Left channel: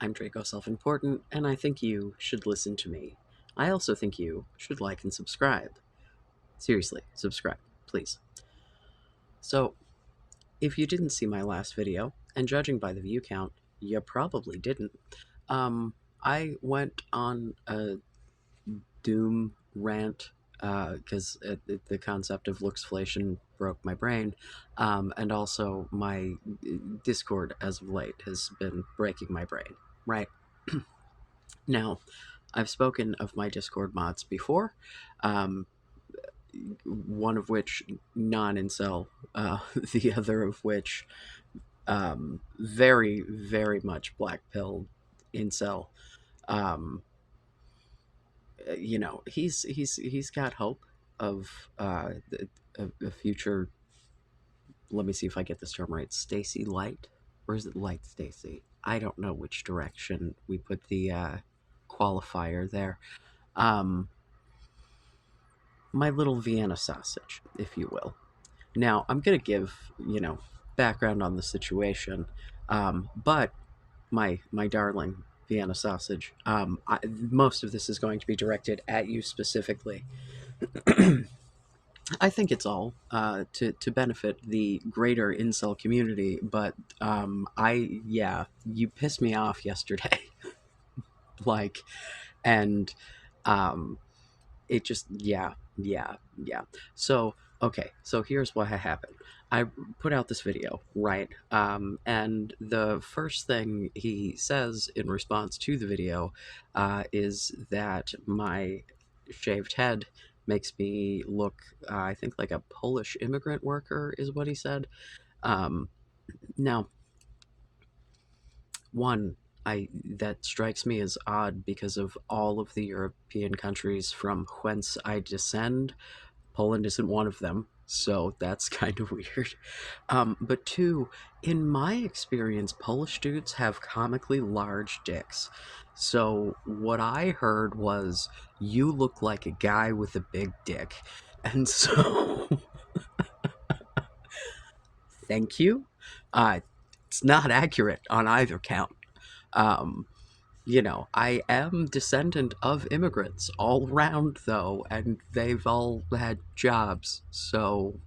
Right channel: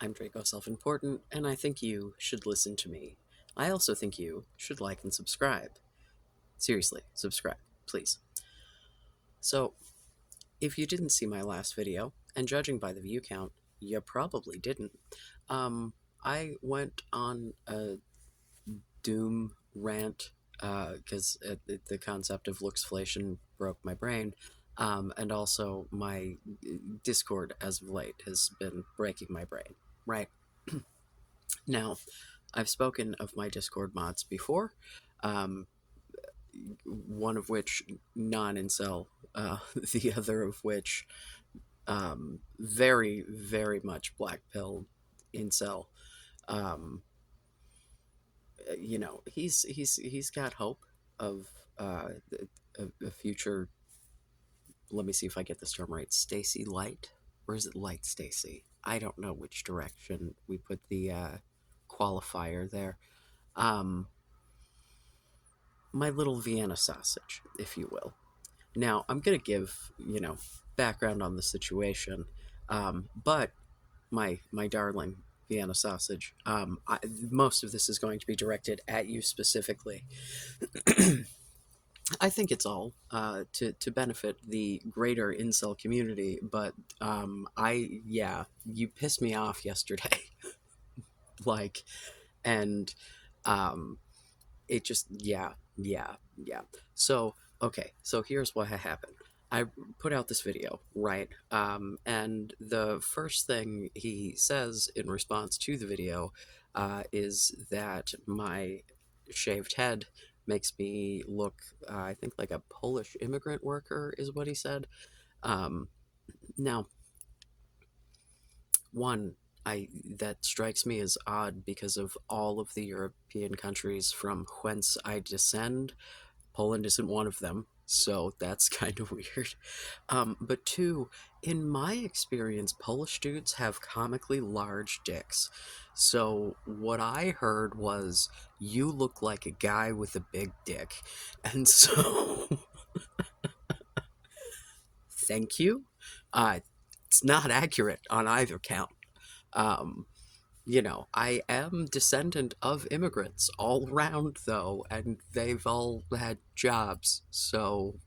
I'm Draco Self-Important, and I think you should listen to me. I also think you should like and subscribe. Seriously, subscribe, please. So, if you didn't see my last video, and judging by the view count, you probably didn't, I went on a doom rant because the concept of luxflation broke my brain, and also my Discord as of late has been breaking my brain, right? Now, I've spoken of my Discord mods before, um, one of which non-incel, the other of which very, very much black pill incel. Um, he's got hope of a future. Let me see if I get this term right. Stacy Light, or is it Light Stacy? I don't know which direction we put the qualifier there. Um, my little Vienna sausage, if you will. Now, I'm going to give, background on the situation, but my darling Vienna sausage, most of this is going to be directed at you specifically. I think it's all to benefit the greater incel community, but you pissed me off yesterday. like, and um, it just yeah. So okay, so here's what happened. I put out this video, right? And the first thing he says in response to the video is that my shaved head makes me look, I think, like a Polish immigrant worker, is what he said. Um, Now, one, I that strikes me as odd because of all of the European countries from whence I descend. Poland isn't one of them, so that's kind of weird. But two, in my experience, Polish dudes have comically large dicks. So what I heard was, you look like a guy with a big dick. And so, thank you. Uh, it's not accurate on either count. Um, I am descendant of immigrants all around, though, and they've all had jobs, so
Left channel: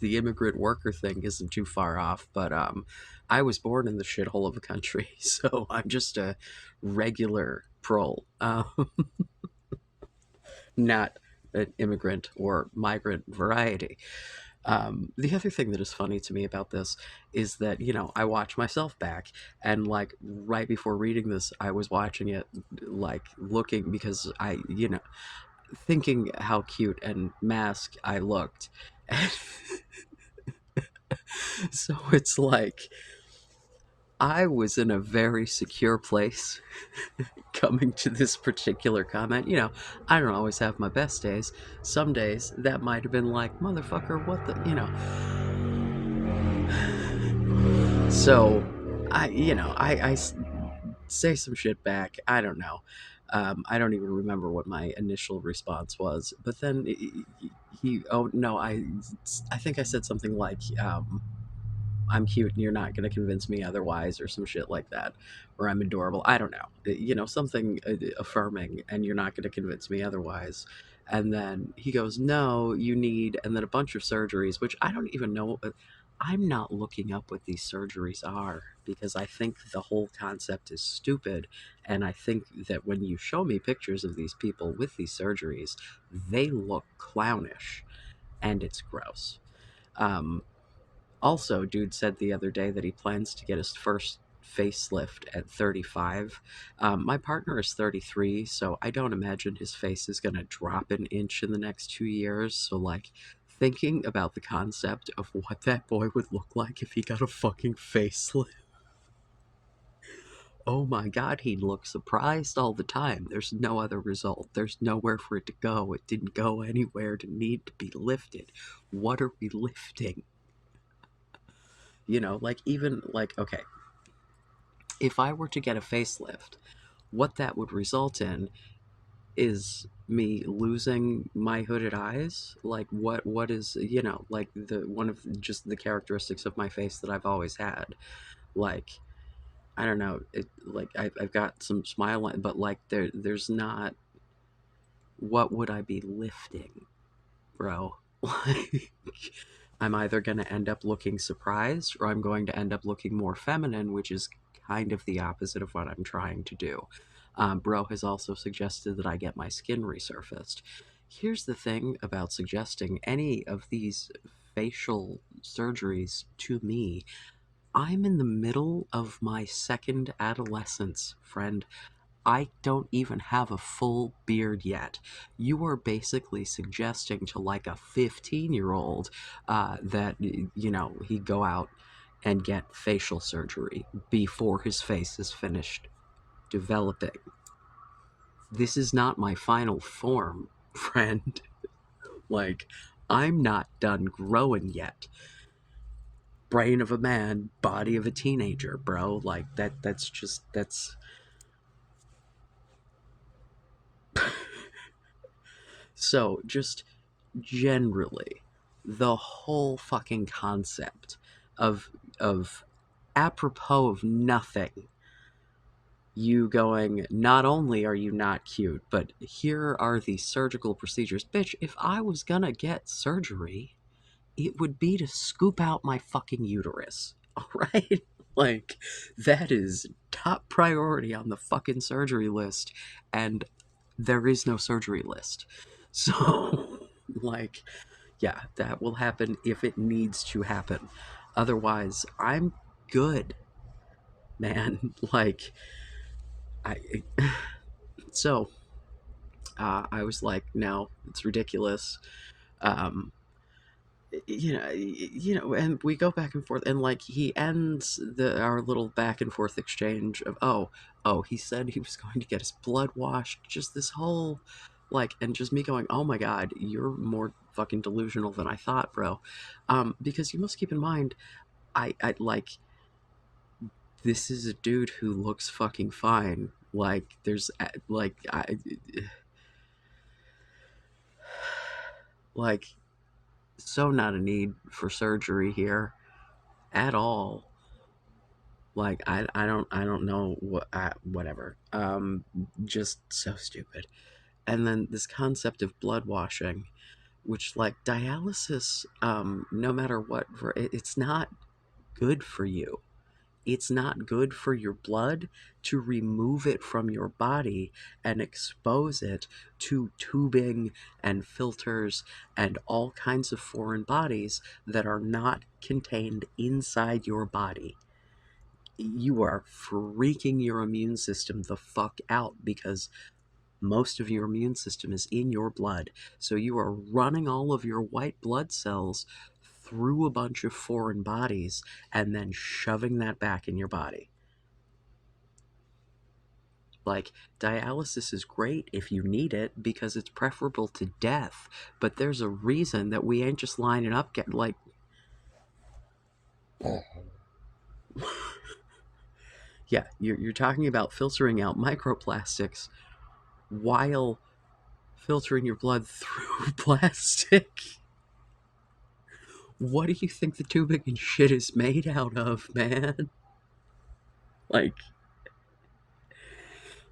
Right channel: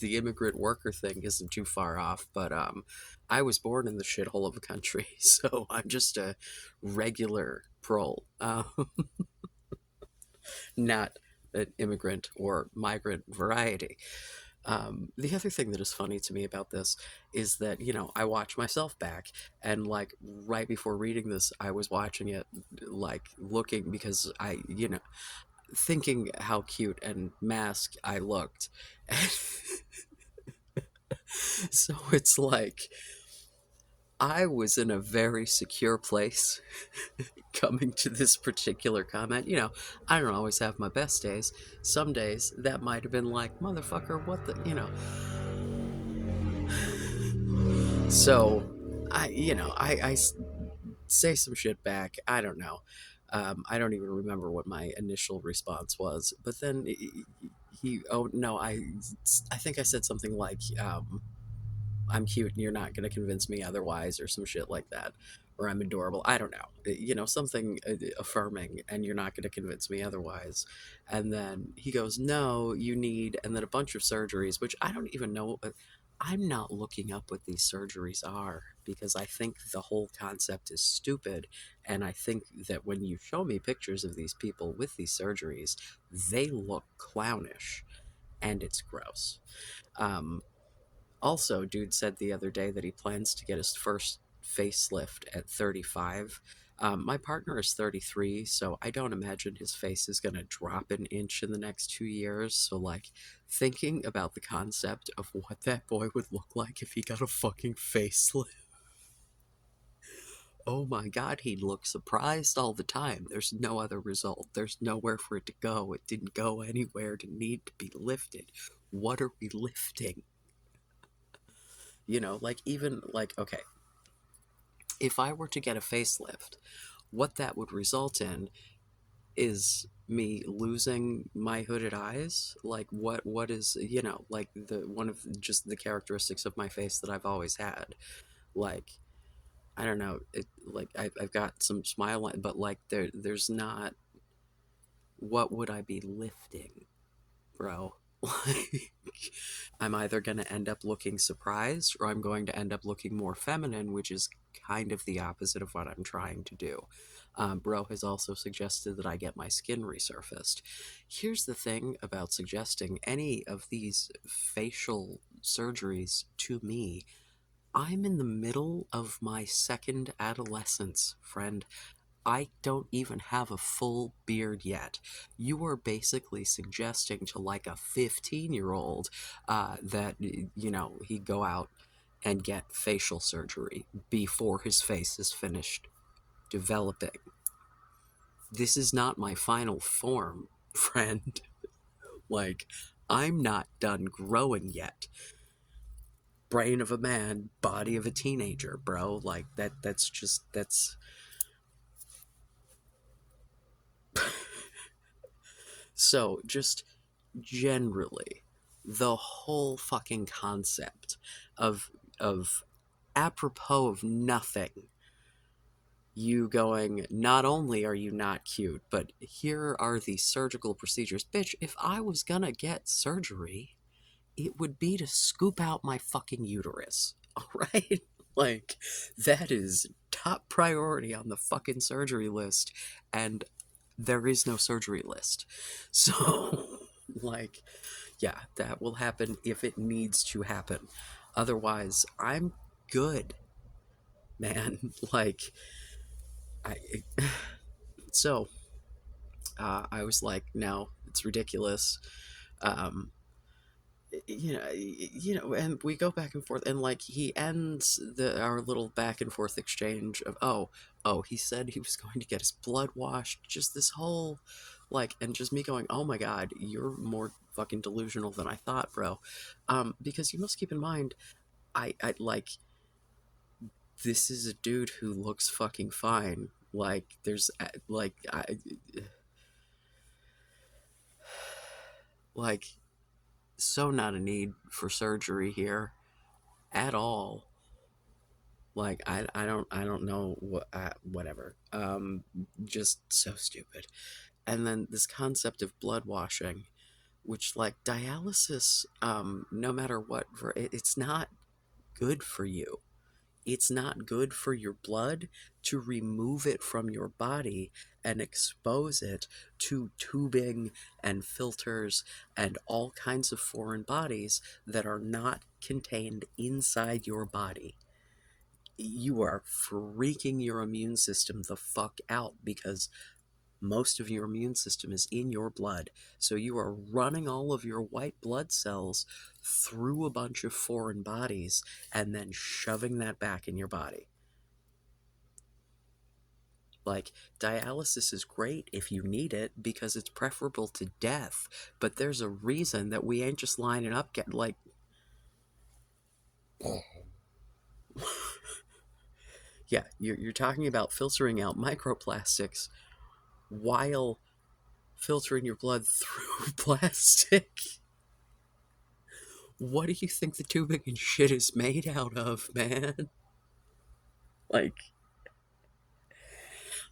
the immigrant worker thing isn't too far off. But I was born in the shithole of a country, so I'm just a regular prole, not an immigrant or migrant variety. The other thing that is funny to me about this is that, I watch myself back, and like right before reading this, I was watching it, like looking because thinking how cute and masked I looked. So it's like I was in a very secure place coming to this particular comment. I don't always have my best days. Some days that might have been like, motherfucker, what the. So, I say some shit back. I don't know. I don't even remember what my initial response was. But then oh no, I think I said something like, I'm cute and you're not going to convince me otherwise, or some shit like that. Or I'm adorable. I don't know. Something affirming, and you're not going to convince me otherwise. And then he goes, no, you need, and then a bunch of surgeries, which I don't even know. I'm not looking up what these surgeries are because I think the whole concept is stupid. And I think that when you show me pictures of these people with these surgeries, they look clownish and it's gross. Um, Also, dude said the other day that he plans to get his first facelift at 35. My partner is 33, so I don't imagine his face is going to drop an inch in the next 2 years. So, like, thinking about the concept of what that boy would look like if he got a fucking facelift. Oh my god, he'd look surprised all the time. There's no other result. There's nowhere for it to go. It didn't go anywhere to need to be lifted. What are we lifting? Like, even, like, okay, if I were to get a facelift, what that would result in is me losing my hooded eyes. Like, what is, like, the one of just the characteristics of my face that I've always had. Like, I don't know. Like I've got some smile, but like there's not. What would I be lifting, bro? Like, I'm either going to end up looking surprised or I'm going to end up looking more feminine, which is kind of the opposite of what I'm trying to do. Bro has also suggested that I get my skin resurfaced. Here's the thing about suggesting any of these facial surgeries to me. I'm in the middle of my second adolescence, friend. I don't even have a full beard yet. You are basically suggesting to like a 15-year-old that, he'd go out and get facial surgery before his face is finished developing. This is not my final form, friend. Like, I'm not done growing yet. Brain of a man, body of a teenager, bro. Like, that's so just generally the whole fucking concept of of apropos of nothing, you going, not only are you not cute, but here are the surgical procedures. Bitch, if I was gonna get surgery, it would be to scoop out my fucking uterus. All right? Like, that is top priority on the fucking surgery list, and there is no surgery list. So, like, yeah, that will happen if it needs to happen. Otherwise, I'm good, man. Like, I. So, I was like, no, it's ridiculous. Um, and we go back and forth, and like he ends our little back and forth exchange of, oh, he said he was going to get his blood washed. Just this whole, like, and just me going, oh my god, you're more fucking delusional than I thought, bro. Because you must keep in mind, I like, this is a dude who looks fucking fine. Like, there's like like so not a need for surgery here at all. Like, I don't know what, whatever. Just so stupid. And then this concept of blood washing, which, like, dialysis, no matter what, it's not good for you. It's not good for your blood to remove it from your body and expose it to tubing and filters and all kinds of foreign bodies that are not contained inside your body. You are freaking your immune system the fuck out because most of your immune system is in your blood. So you are running all of your white blood cells through a bunch of foreign bodies and then shoving that back in your body. Like, dialysis is great if you need it because it's preferable to death, but there's a reason that we ain't just lining up get like yeah, you're talking about filtering out microplastics while filtering your blood through plastic. What do you think the tubing and shit is made out of, man? Like,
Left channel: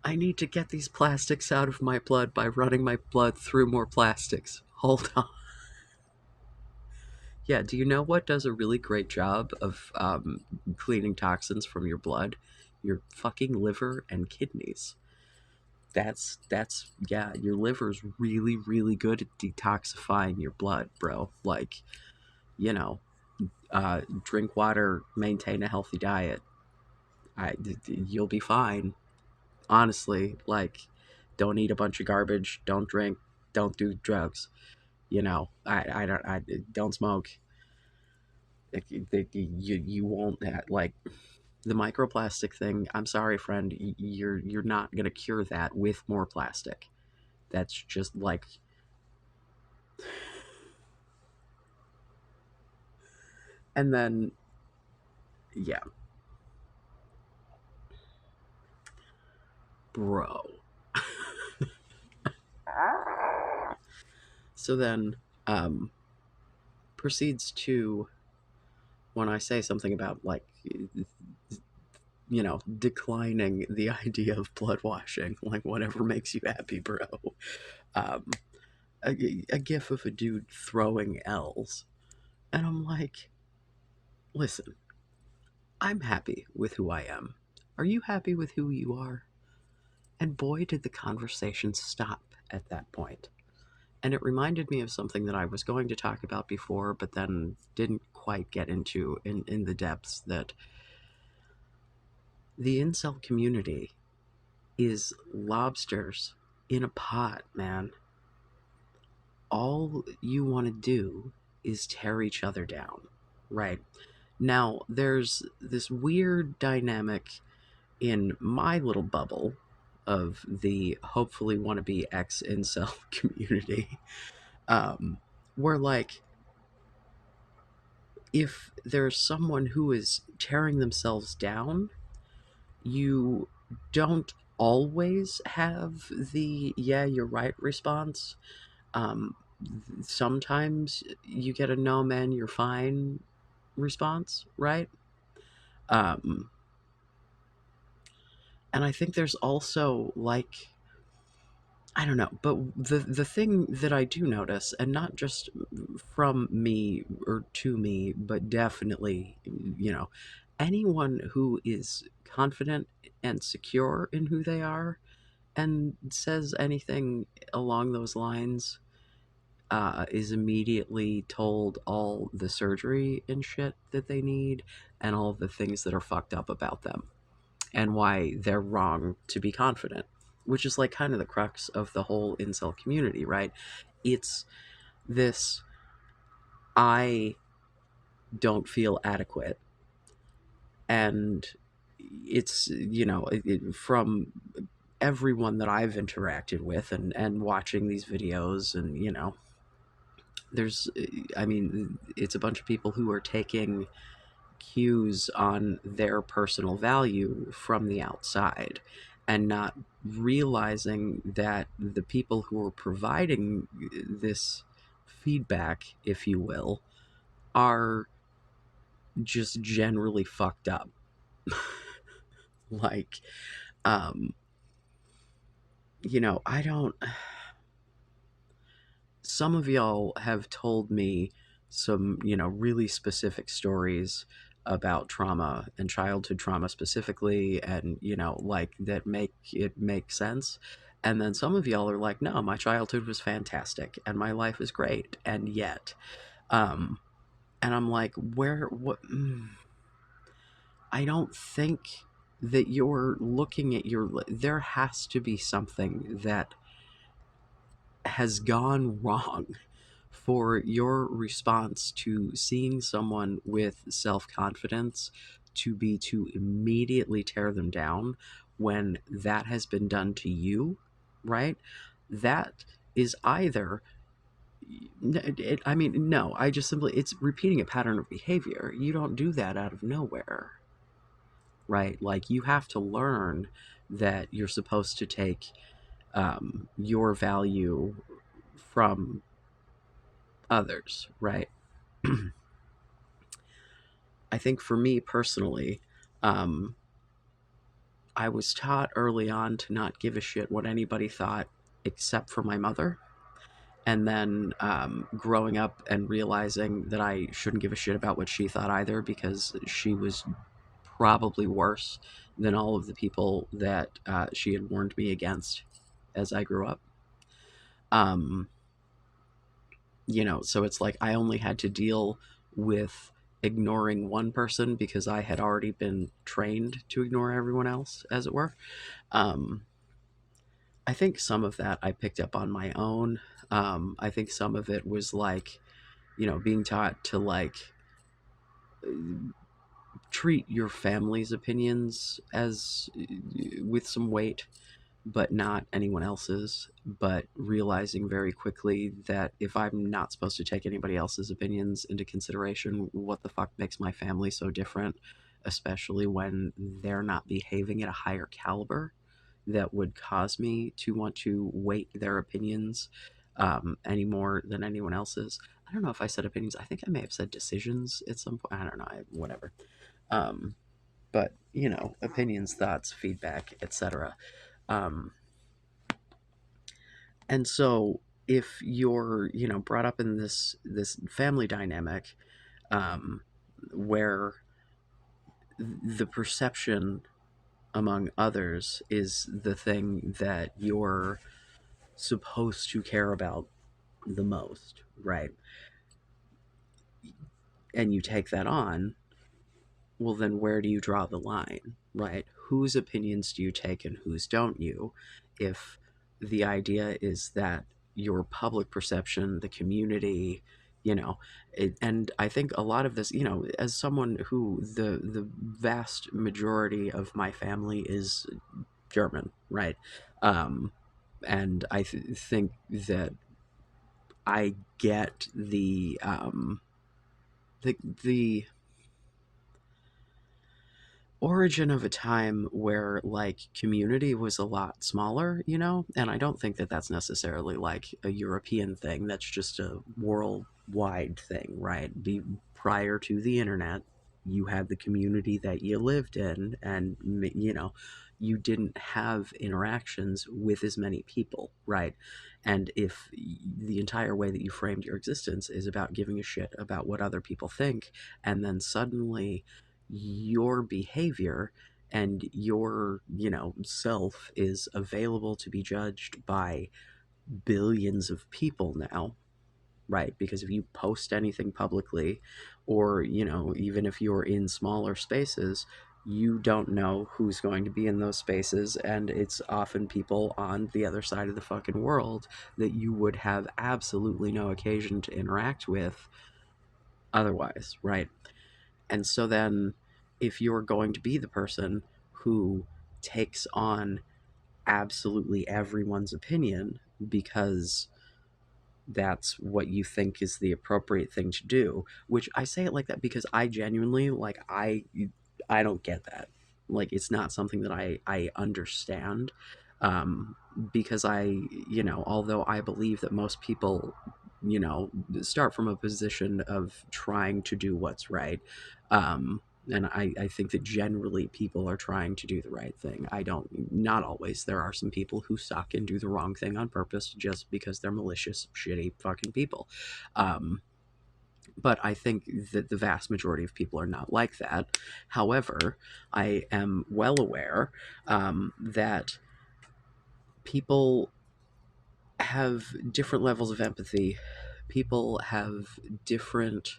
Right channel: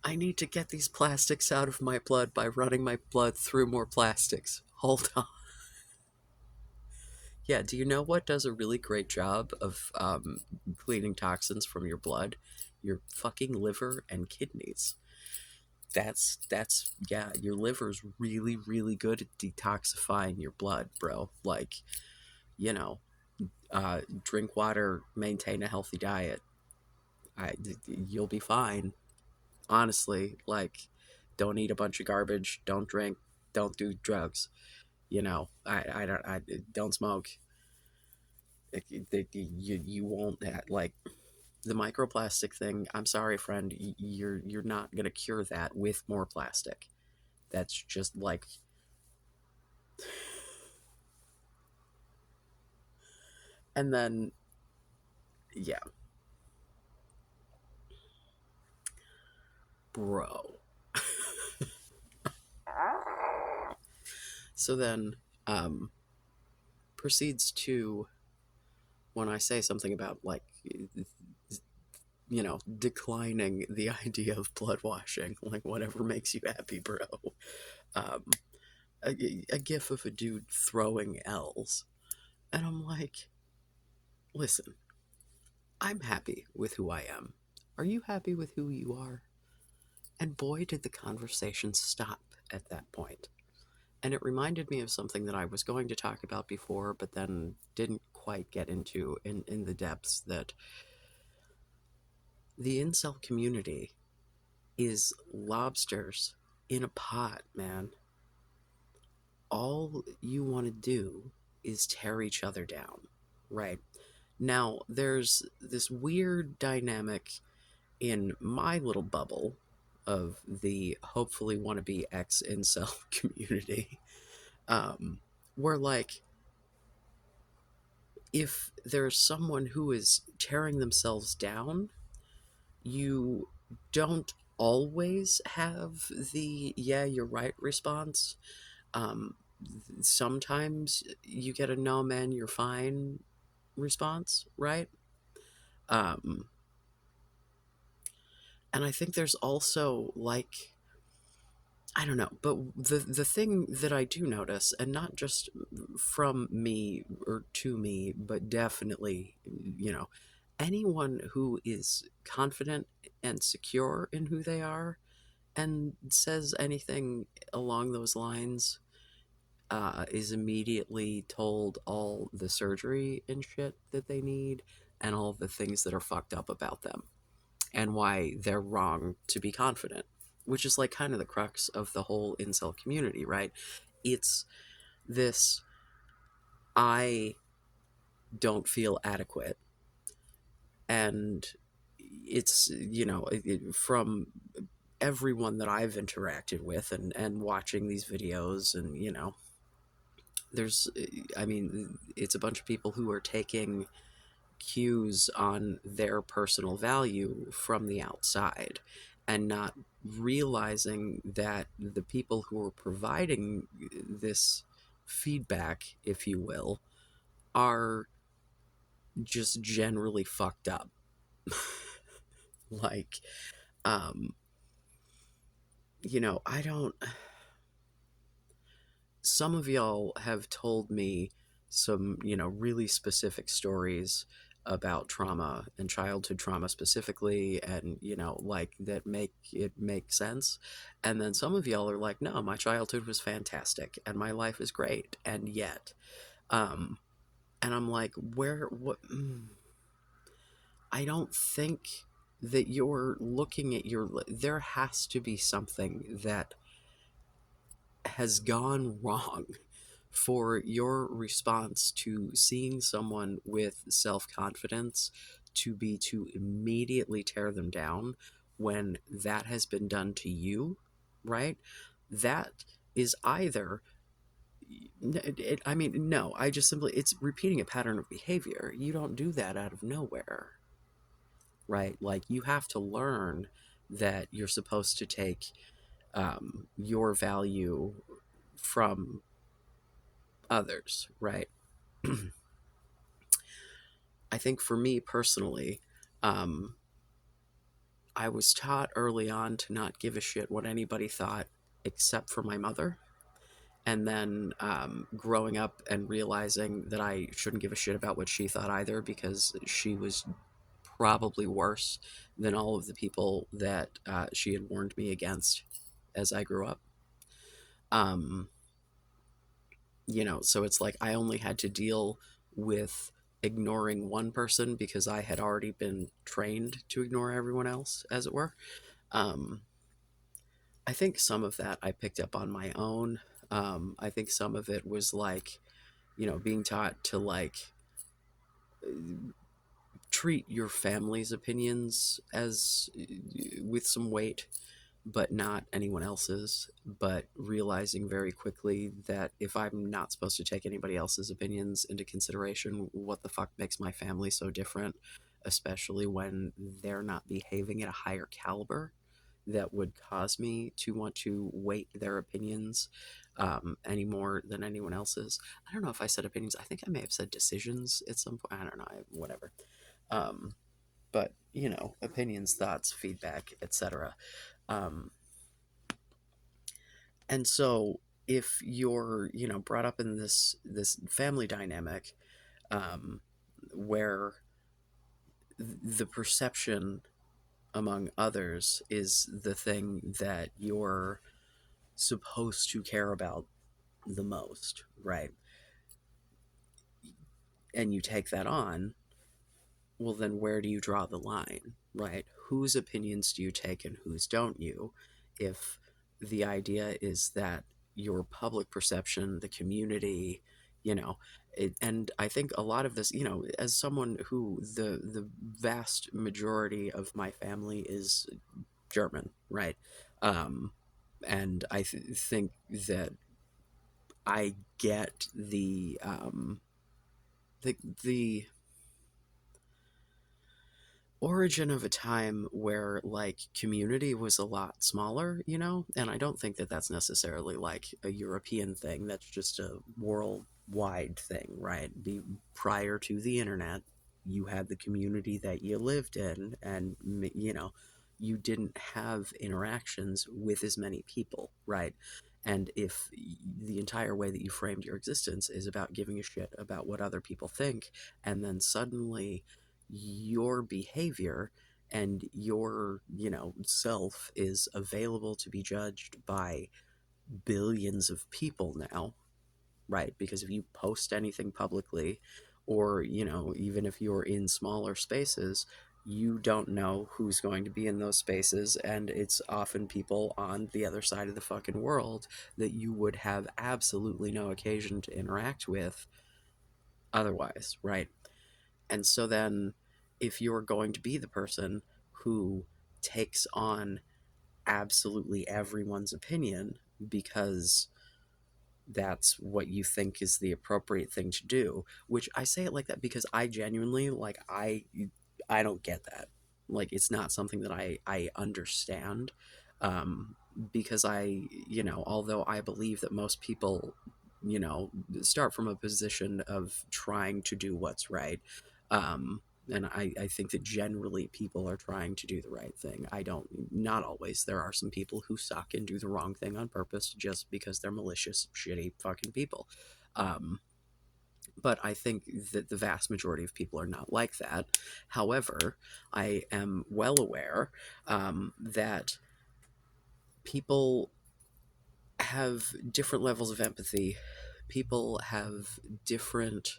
I need to get these plastics out of my blood by running my blood through more plastics. Hold on. Yeah, do you know what does a really great job of cleaning toxins from your blood? Your fucking liver and kidneys. Yeah, your liver's really, really good at detoxifying your blood, bro. Like, you know, drink water, maintain a healthy diet. You'll be fine. Honestly, like, don't eat a bunch of garbage. Don't drink. Don't do drugs. I don't smoke. You won't like the microplastic thing. I'm sorry, friend. You're not gonna cure that with more plastic. That's just like, and then yeah, bro. So then, um, proceeds to, when I say something about like declining the idea of blood washing, like whatever makes you happy, bro. Um, a gif of a dude throwing L's. And I'm like, listen, I'm happy with who I am. Are you happy with who you are? And boy, did the conversation stop at that point. And it reminded me of something that I was going to talk about before, but then didn't quite get into in the depths, that the incel community is lobsters in a pot, man. All you want to do is tear each other down, right? Now, there's this weird dynamic in my little bubble of the hopefully wannabe ex incel community, um, where, like, if there's someone who is tearing themselves down, you don't always have the "yeah, you're right" response. Um, Sometimes you get a "no, man, you're fine" response, right? Um, and I think there's also, like, I don't know, but the thing that I do notice, and not just from me or to me, but definitely, anyone who is confident and secure in who they are and says anything along those lines, is immediately told all the surgery and shit that they need, and all the things that are fucked up about them, and why they're wrong to be confident, which is like kind of the crux of the whole incel community, right? It's this: I don't feel adequate. And it's, from everyone that I've interacted with, and watching these videos, and, there's, I mean, it's a bunch of people who are taking cues on their personal value from the outside, and not realizing that the people who are providing this feedback, if you will, are just generally fucked up. Like, um, I don't. Some of y'all have told me some, really specific stories about trauma and childhood trauma specifically, and, like, that make sense. And then some of y'all are like, no, my childhood was fantastic and my life is great. And yet, um, and I'm like, where, what? I don't think that you're looking at there has to be something that has gone wrong for your response to seeing someone with self confidence to be to immediately tear them down when that has been done to you, right? That is either, I mean, no, I just simply, it's repeating a pattern of behavior. You don't do that out of nowhere, right? Like, you have to learn that you're supposed to take, your value from others, right? I think for me personally, um, I was taught early on to not give a shit what anybody thought except for my mother. And then, growing up and realizing that I shouldn't give a shit about what she thought either, because she was probably worse than all of the people that, she had warned me against as I grew up. Um, so it's like I only had to deal with ignoring one person because I had already been trained to ignore everyone else, as it were. Um, I think some of that I picked up on my own. I think some of it was like, being taught to, like, treat your family's opinions as, with some weight, but not anyone else's. But realizing very quickly that if I'm not supposed to take anybody else's opinions into consideration, what the fuck makes my family so different, especially when they're not behaving at a higher caliber that would cause me to want to weight their opinions, any more than anyone else's. I don't know if I said opinions. I think I may have said decisions at some point. I don't know. Whatever. Um, but opinions, thoughts, feedback, etc. Um, and so if you're brought up in this family dynamic, um, where the perception among others is the thing that you're supposed to care about the most, right? And you take that on, well, then where do you draw the line, right? Whose opinions do you take and whose don't you? If the idea is that your public perception, the community, and I think a lot of this, as someone who the vast majority of my family is German, right? Um, and I think that I get the origin of a time where like community was a lot smaller, and I don't think that that's necessarily like a European thing. That's just a worldwide thing, right? Prior to the internet, you had the community that you lived in, and you didn't have interactions with as many people, right? And if the entire way that you framed your existence is about giving a shit about what other people think, and then suddenly your behavior and your self is available to be judged by billions of people now, right? Because if you post anything publicly, or even if you're in smaller spaces, you don't know who's going to be in those spaces, and it's often people on the other side of the fucking world that you would have absolutely no occasion to interact with otherwise, right? And so then, if you're going to be the person who takes on absolutely everyone's opinion because that's what you think is the appropriate thing to do, which I say it like that because I genuinely like I don't get that. Like it's not something that I understand, um because although I believe that most people you know start from a position of trying to do what's right, and I think that generally people are trying to do the right thing. I don't, not always. There are some people who suck and do the wrong thing on purpose just because they're malicious, shitty fucking people. Um, but I think that the vast majority of people are not like that. However, I am well aware that people have different levels of empathy. People have different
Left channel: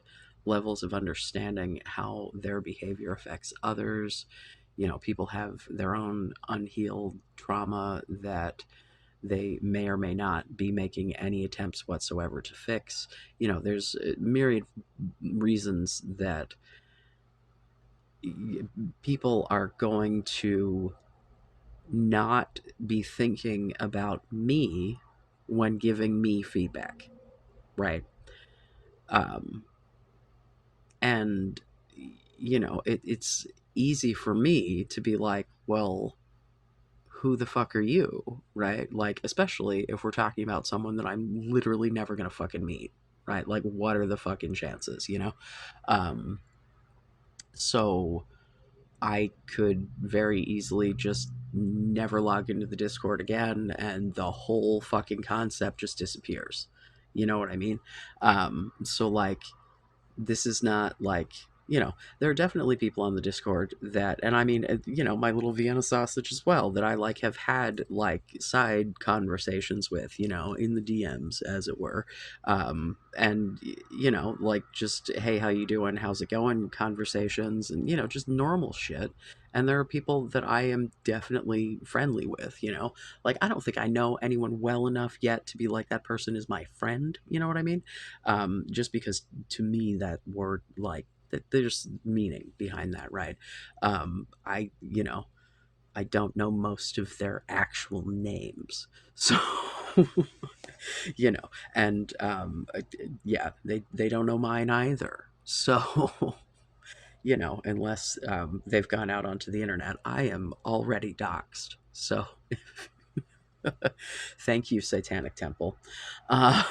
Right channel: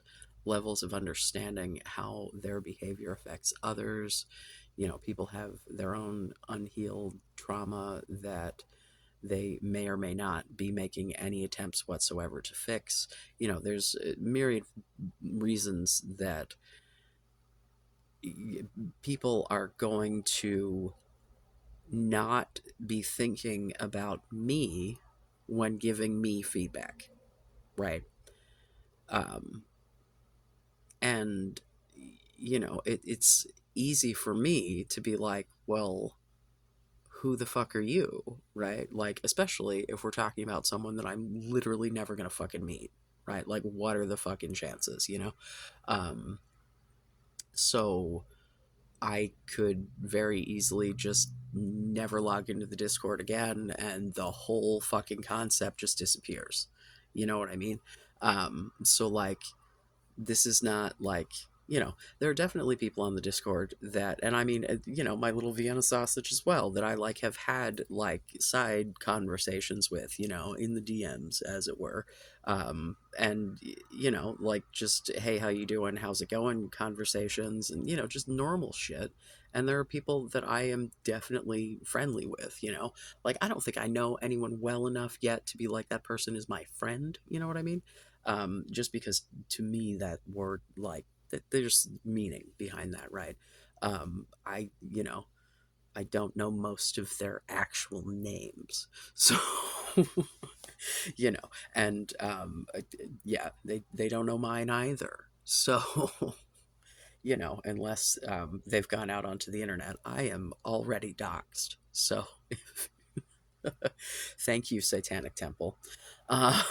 levels of understanding how their behavior affects others. People have their own unhealed trauma that they may or may not be making any attempts whatsoever to fix. There's myriad reasons that people are going to not be thinking about me when giving me feedback, right? Um, and it's easy for me to be like, well, who the fuck are you, right? Like, especially if we're talking about someone that I'm literally never gonna fucking meet, right? Like, what are the fucking chances, um so I could very easily just never log into the Discord again, and the whole fucking concept just disappears. You know what I mean? So like, this is not like, there are definitely people on the Discord that, and I mean, my little Vienna sausage as well, that I like have had like side conversations with, in the DMs, as it were. And like, just, hey, how you doing, how's it going, conversations, and just normal shit. And there are people that I am definitely friendly with, like, I don't think I know anyone well enough yet to be like, that person is my friend, you know what I mean? Just because to me that word, like, that there's meaning behind that, right? I don't know most of their actual names, so you know and yeah, they don't know mine either, so unless they've gone out onto the internet, I am already doxxed, so thank you, Satanic Temple. uh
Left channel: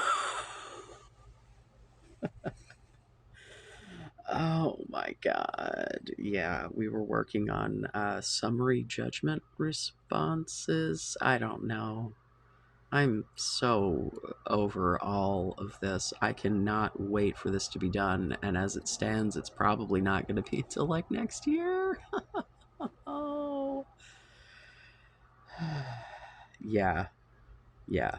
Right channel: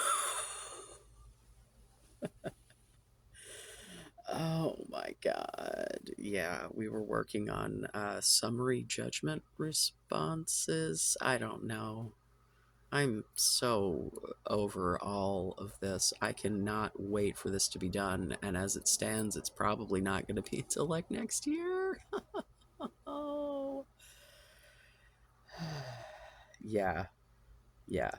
Oh my god. Yeah, we were working on summary judgment responses. I don't know. I'm so over all of this. I cannot wait for this to be done. And as it stands, it's probably not going to be until like next year. Oh, yeah, yeah.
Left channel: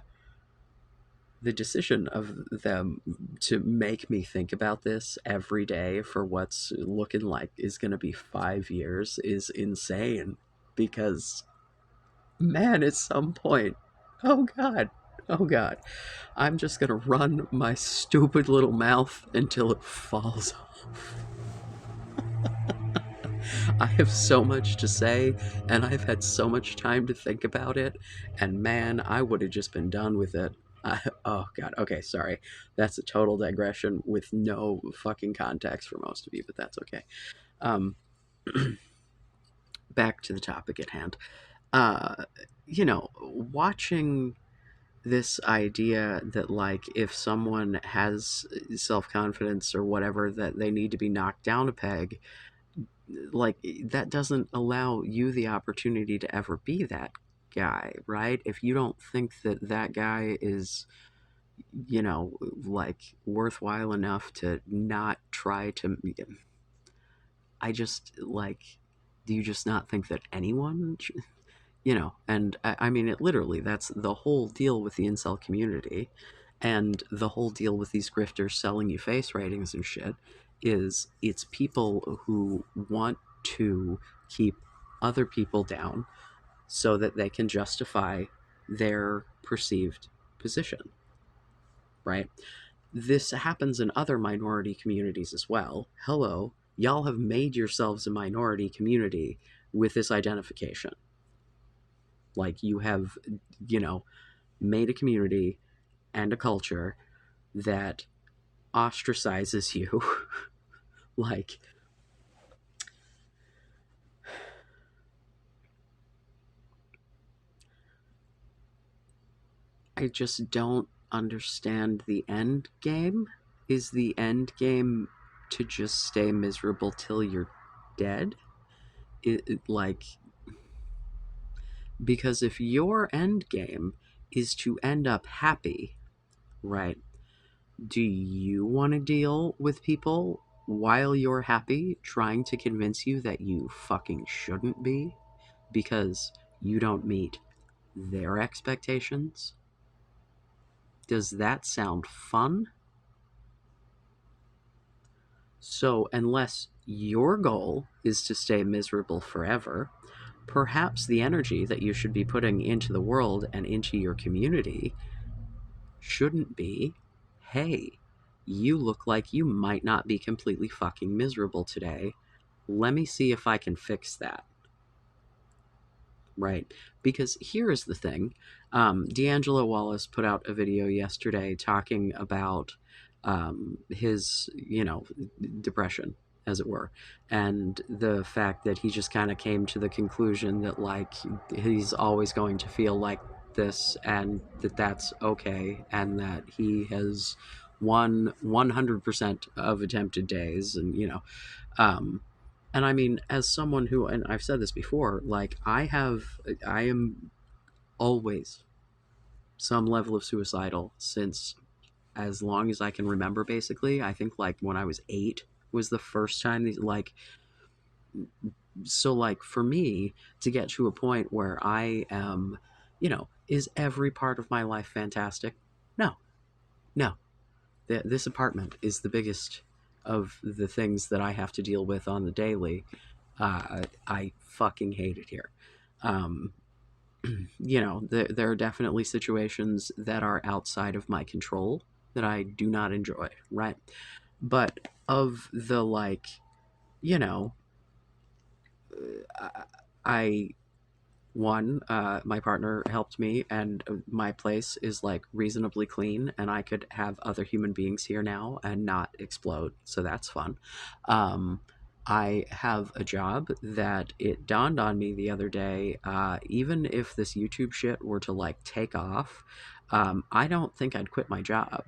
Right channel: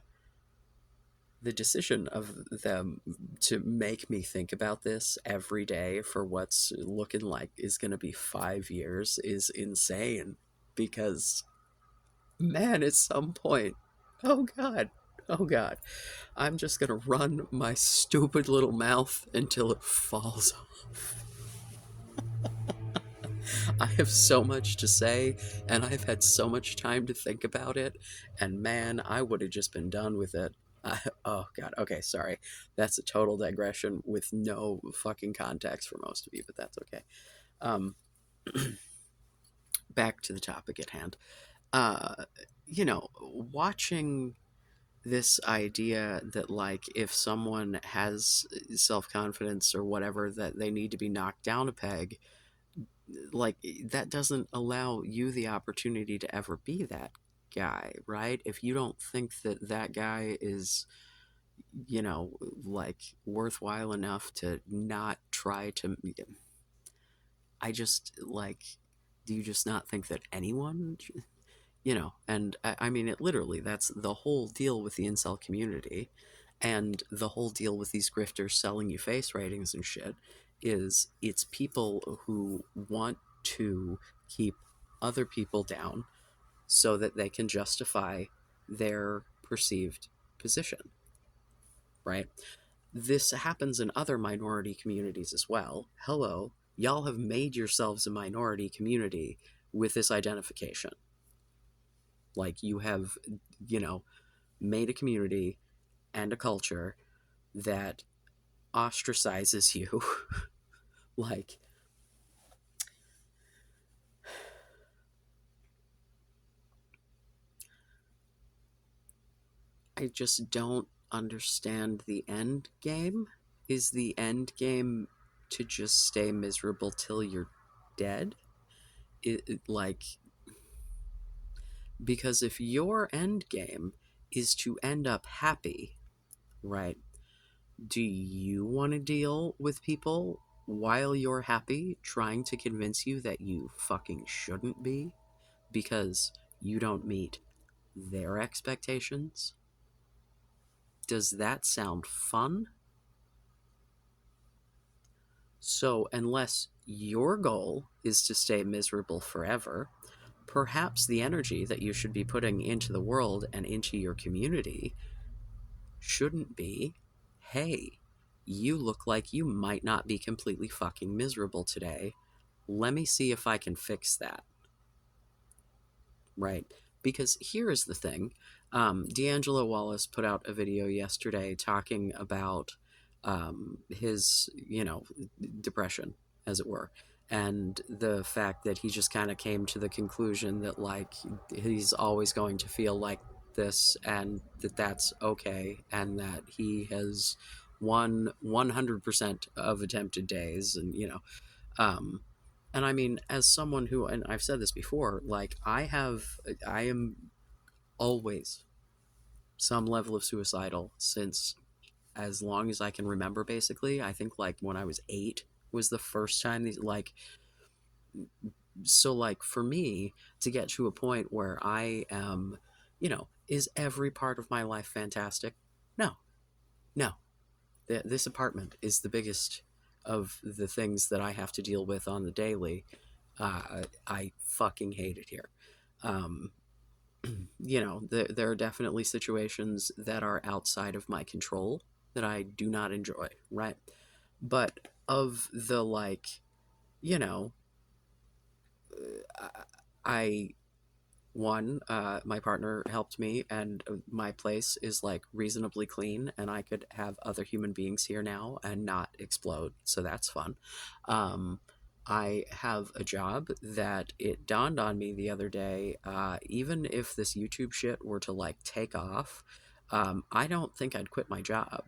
The decision of them to make me think about this every day for what's looking like is going to be 5 years is insane. Because, man, at some point, oh God, oh God, I'm just gonna run my stupid little mouth until it falls off. I have so much to say, and I've had so much time to think about it, and man, I would have just been done with it. Oh God, okay, sorry. That's a total digression with no fucking context for most of you, but that's okay. Um, Back to the topic at hand. Uh, watching this idea that like if someone has self-confidence or whatever that they need to be knocked down a peg, like that doesn't allow you the opportunity to ever be that guy, right? If you don't think that that guy is, you know, like worthwhile enough to not try to, I just like, do you just not think that anyone, and I mean it literally, that's the whole deal with the incel community and the whole deal with these grifters selling you face ratings and shit is it's people who want to keep other people down so that they can justify their perceived position, right? This happens in other minority communities as well. Hello, y'all have made yourselves a minority community with this identification. Like you have, you know, made a community and a culture that ostracizes you. Like, I just don't understand the end game. Is the end game to just stay miserable till you're dead? Like, because if your end game is to end up happy, right? Do you want to deal with people while you're happy trying to convince you that you fucking shouldn't be because you don't meet their expectations? Does that sound fun? So, unless your goal is to stay miserable forever, perhaps the energy that you should be putting into the world and into your community shouldn't be, hey, you look like you might not be completely fucking miserable today. Let me see if I can fix that. Right? Because here is the thing. D'Angelo Wallace put out a video yesterday talking about his, depression, as it were, and the fact that he just kind of came to the conclusion that, like, he's always going to feel like this and that that's okay, and that he has won 100% of attempted days, and, um, and I mean, as someone who, and I've said this before, like I am always some level of suicidal since as long as I can remember, basically. I think like when I was 8 was the first time, like, so like for me to get to a point where I am, is every part of my life fantastic? No, no. This apartment is the biggest of the things that I have to deal with on the daily. I fucking hate it here. Um, there are definitely situations that are outside of my control that I do not enjoy, right? But of the, like, you know, I one, my partner helped me, and my place is like reasonably clean, and I could have other human beings here now and not explode. So that's fun. Um, I have a job that it dawned on me the other day. Even if this YouTube shit were to like take off, I don't think I'd quit my job.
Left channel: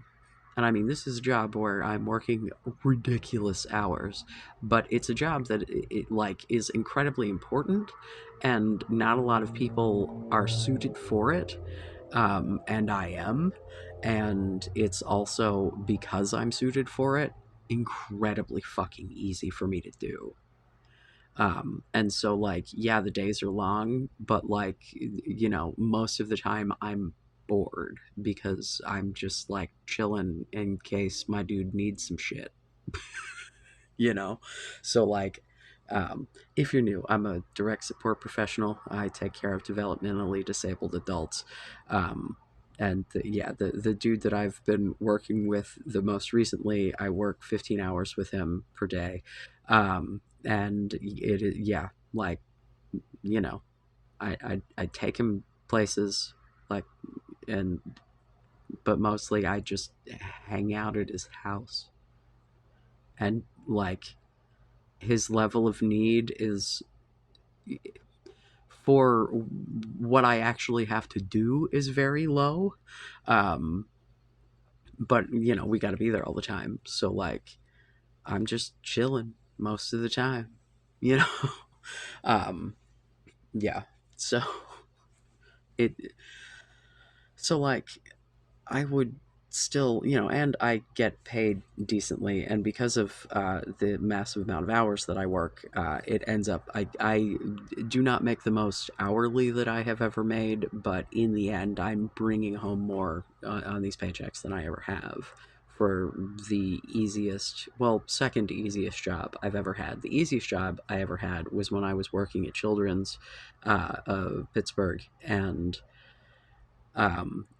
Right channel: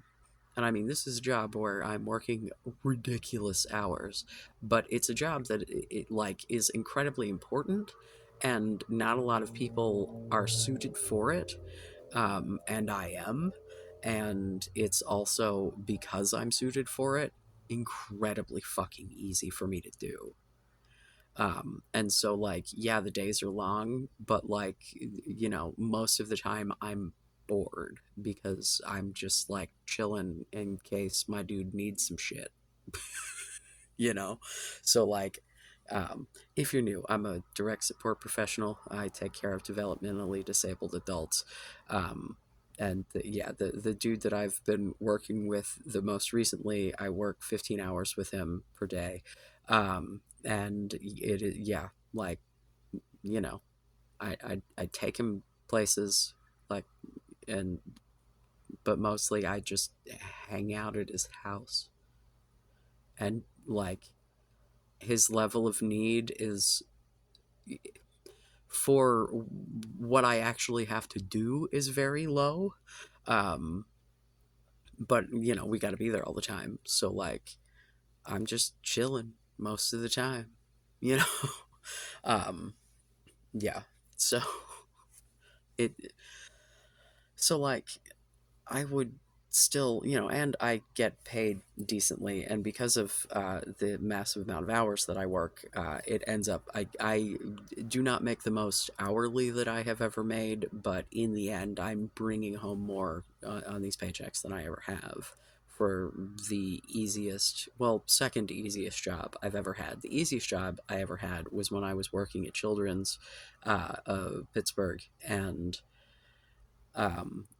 And I mean, this is a job where I'm working ridiculous hours, but it's a job that like is incredibly important, and not a lot of people are suited for it. And I am, and it's also because I'm suited for it, incredibly fucking easy for me to do. And so, like, yeah, the days are long, but like, most of the time I'm bored because I'm just like chilling in case my dude needs some shit, you know? So, like, um, if you're new, I'm a direct support professional. I take care of developmentally disabled adults. Um, and the dude that I've been working with the most recently, I work 15 hours with him per day. And yeah, like, you know, I take him places, like, and, but mostly I just hang out at his house. And, like, his level of need is, for what I actually have to do, is very low. Um, but we got to be there all the time. So, like, I'm just chilling most of the time. You know, um, yeah. So it so like I would still, and I get paid decently, and because of the massive amount of hours that I work, it ends up, I do not make the most hourly that I have ever made, but in the end, I'm bringing home more on these paychecks than I ever have for the easiest, well, second easiest job I've ever had. The easiest job I ever had was when I was working at Children's Pittsburgh, and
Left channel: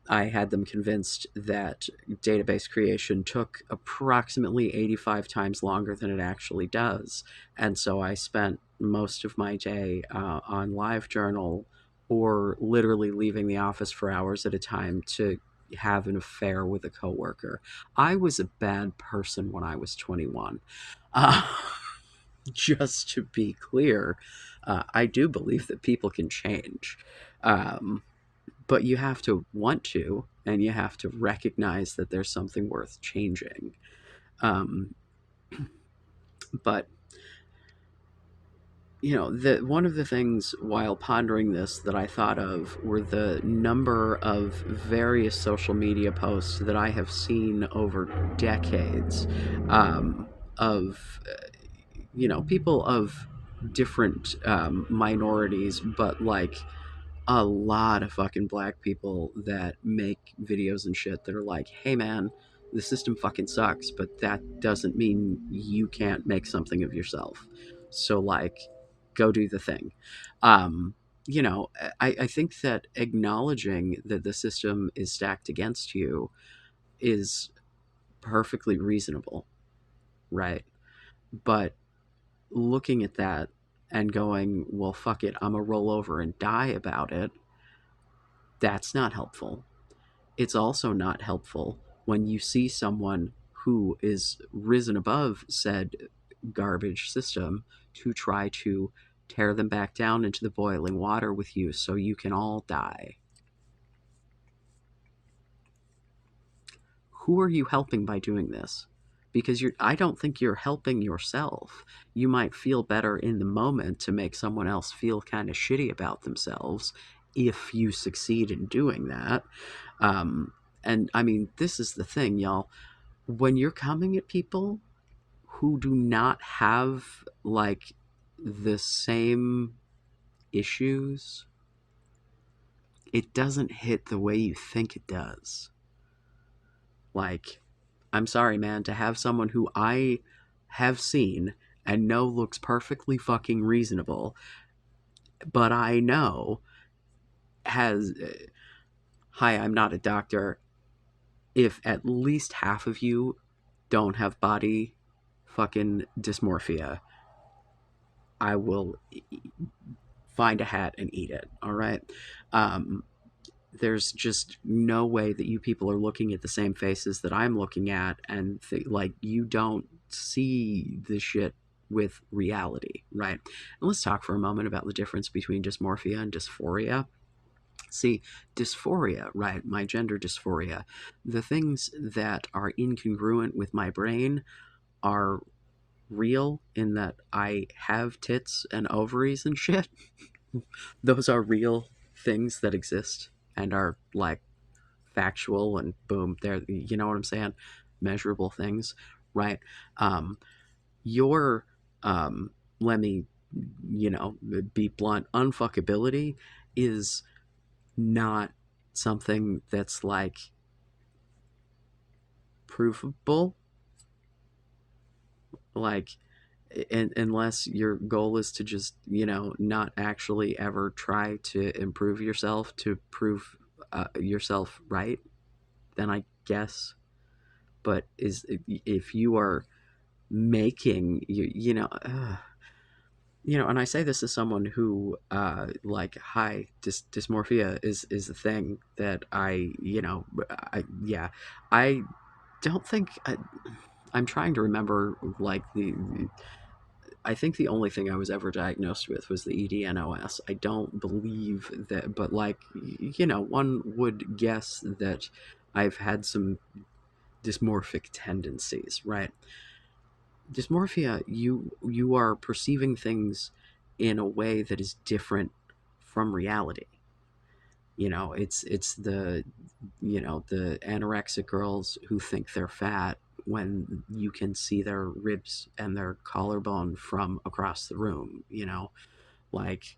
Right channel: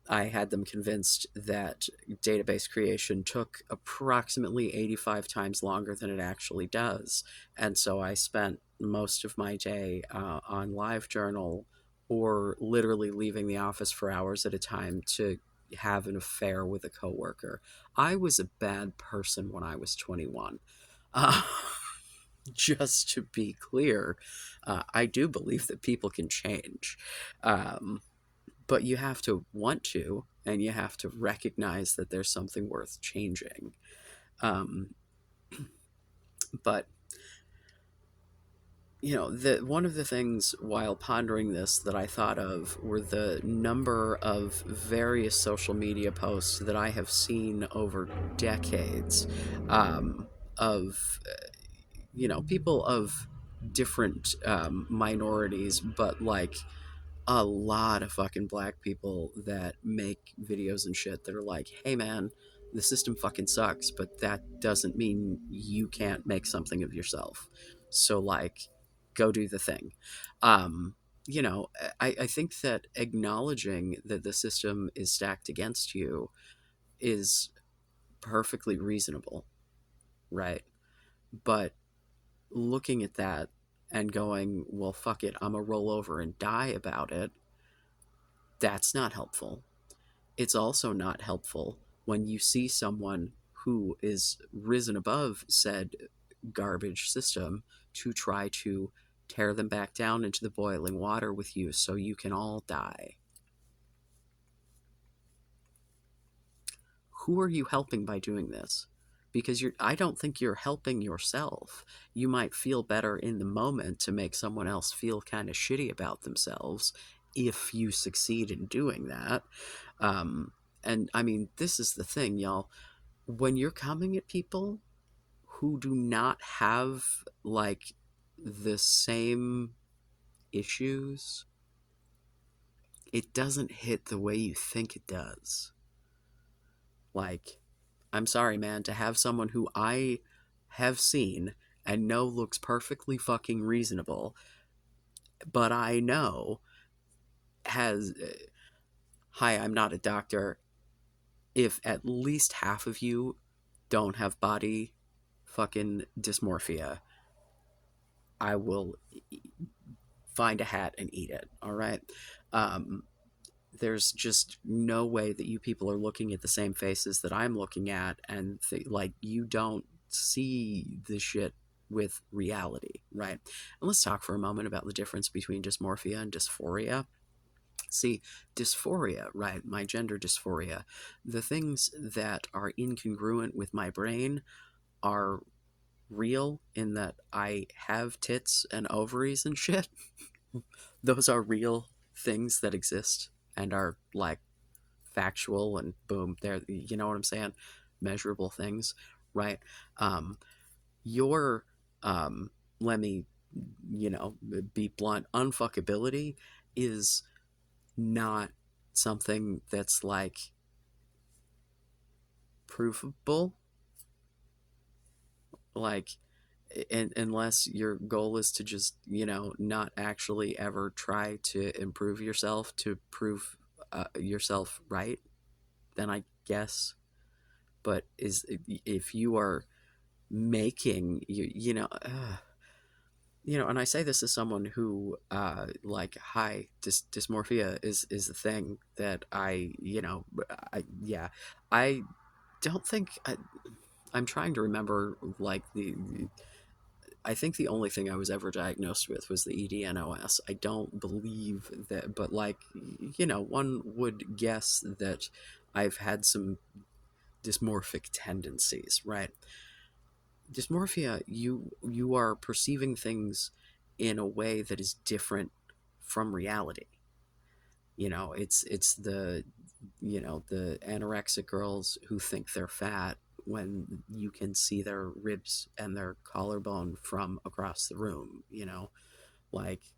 I had them convinced that database creation took approximately 85 times longer than it actually does. And so I spent most of my day on LiveJournal, or literally leaving the office for hours at a time to have an affair with a coworker. I was a bad person when I was 21. Uh, just to be clear, I do believe that people can change. Um, but you have to want to, and you have to recognize that there's something worth changing. um, but one of the things while pondering this that I thought of were the number of various social media posts that I have seen over decades, of people of different minorities, but like a lot of fucking black people that make videos and shit that are like, hey man, the system fucking sucks, but that doesn't mean you can't make something of yourself. So, like, go do the thing. Um, you know, I think that acknowledging that the system is stacked against you is perfectly reasonable, right? But looking at that and going, well, fuck it, I'm gonna roll over and die about it, that's not helpful. It's also not helpful when you see someone who is risen above said garbage system to try to tear them back down into the boiling water with you so you can all die. Who are you helping by doing this? Because I don't think you're helping yourself. You might feel better in the moment to make someone else feel kind of shitty about themselves if you succeed in doing that. Um, and I mean, this is the thing, y'all. When you're coming at people who do not have like the same issues, it doesn't hit the way you think it does. Like, I'm sorry, man, to have someone who I have seen and know looks perfectly fucking reasonable, but I know has, hi, I'm not a doctor. If at least half of you don't have body fucking dysmorphia, I will find a hat and eat it. All right. Um, there's just no way that you people are looking at the same faces that I'm looking at, and like, you don't see this shit with reality, right? And let's talk for a moment about the difference between dysmorphia and dysphoria. See, dysphoria, right? My gender dysphoria, the things that are incongruent with my brain are real in that I have tits and ovaries and shit. Those are real things that exist and are like factual and boom, there, you know what I'm saying? Measurable things, right? Um, your, um, let me, be blunt, unfuckability is not something that's like provable, like unless your goal is to just not actually ever try to improve yourself to prove yourself right, then I guess. But is if you are making and I say this as someone who like high dysmorphia is the thing that I don't think I'm trying to remember like I think the only thing I was ever diagnosed with was the EDNOS. I don't believe that, but like, one would guess that I've had some dysmorphic tendencies, right? Dysmorphia, you are perceiving things in a way that is different from reality. It's the anorexic girls who think they're fat when you can see their ribs and their collarbone from across the room. Like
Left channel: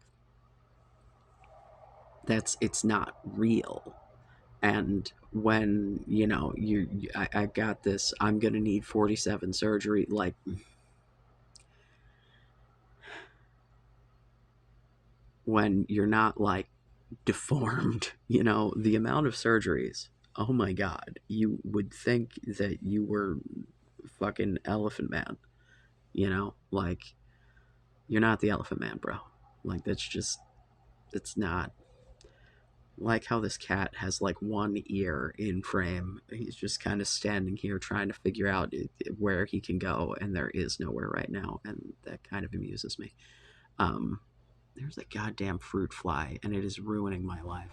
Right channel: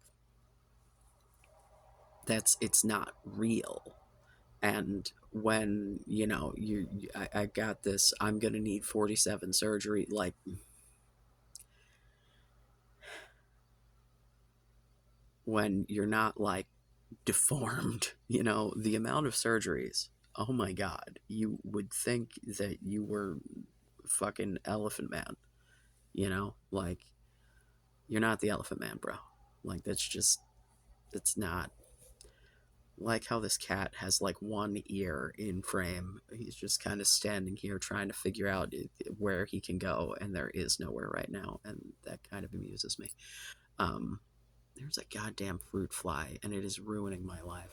it's not real. And when I got this, I'm gonna need 47 surgery, like when you're not like deformed, the amount of surgeries, oh my god, you would think that you were fucking Elephant Man, like you're not the Elephant Man, bro. Like that's not like how this cat has like one ear in frame. He's just kind of standing here trying to figure out where he can go, and there is nowhere right now, and that kind of amuses me. Um, there's a goddamn fruit fly, and it is ruining my life.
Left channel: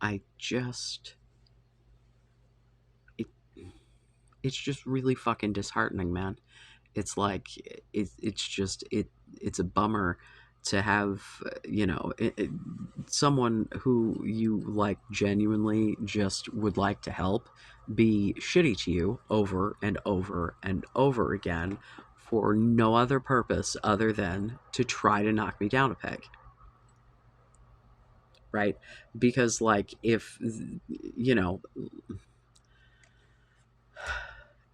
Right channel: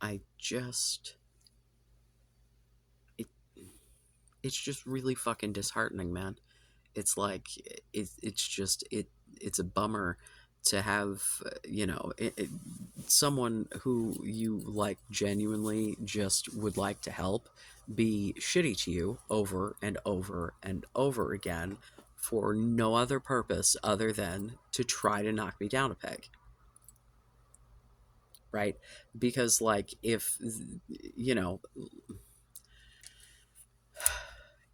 I just it, it's just really fucking disheartening, man. It's like it's just it's a bummer to have someone who you like genuinely just would like to help be shitty to you over and over and over again for no other purpose other than to try to knock me down a peg, right? Because like if you know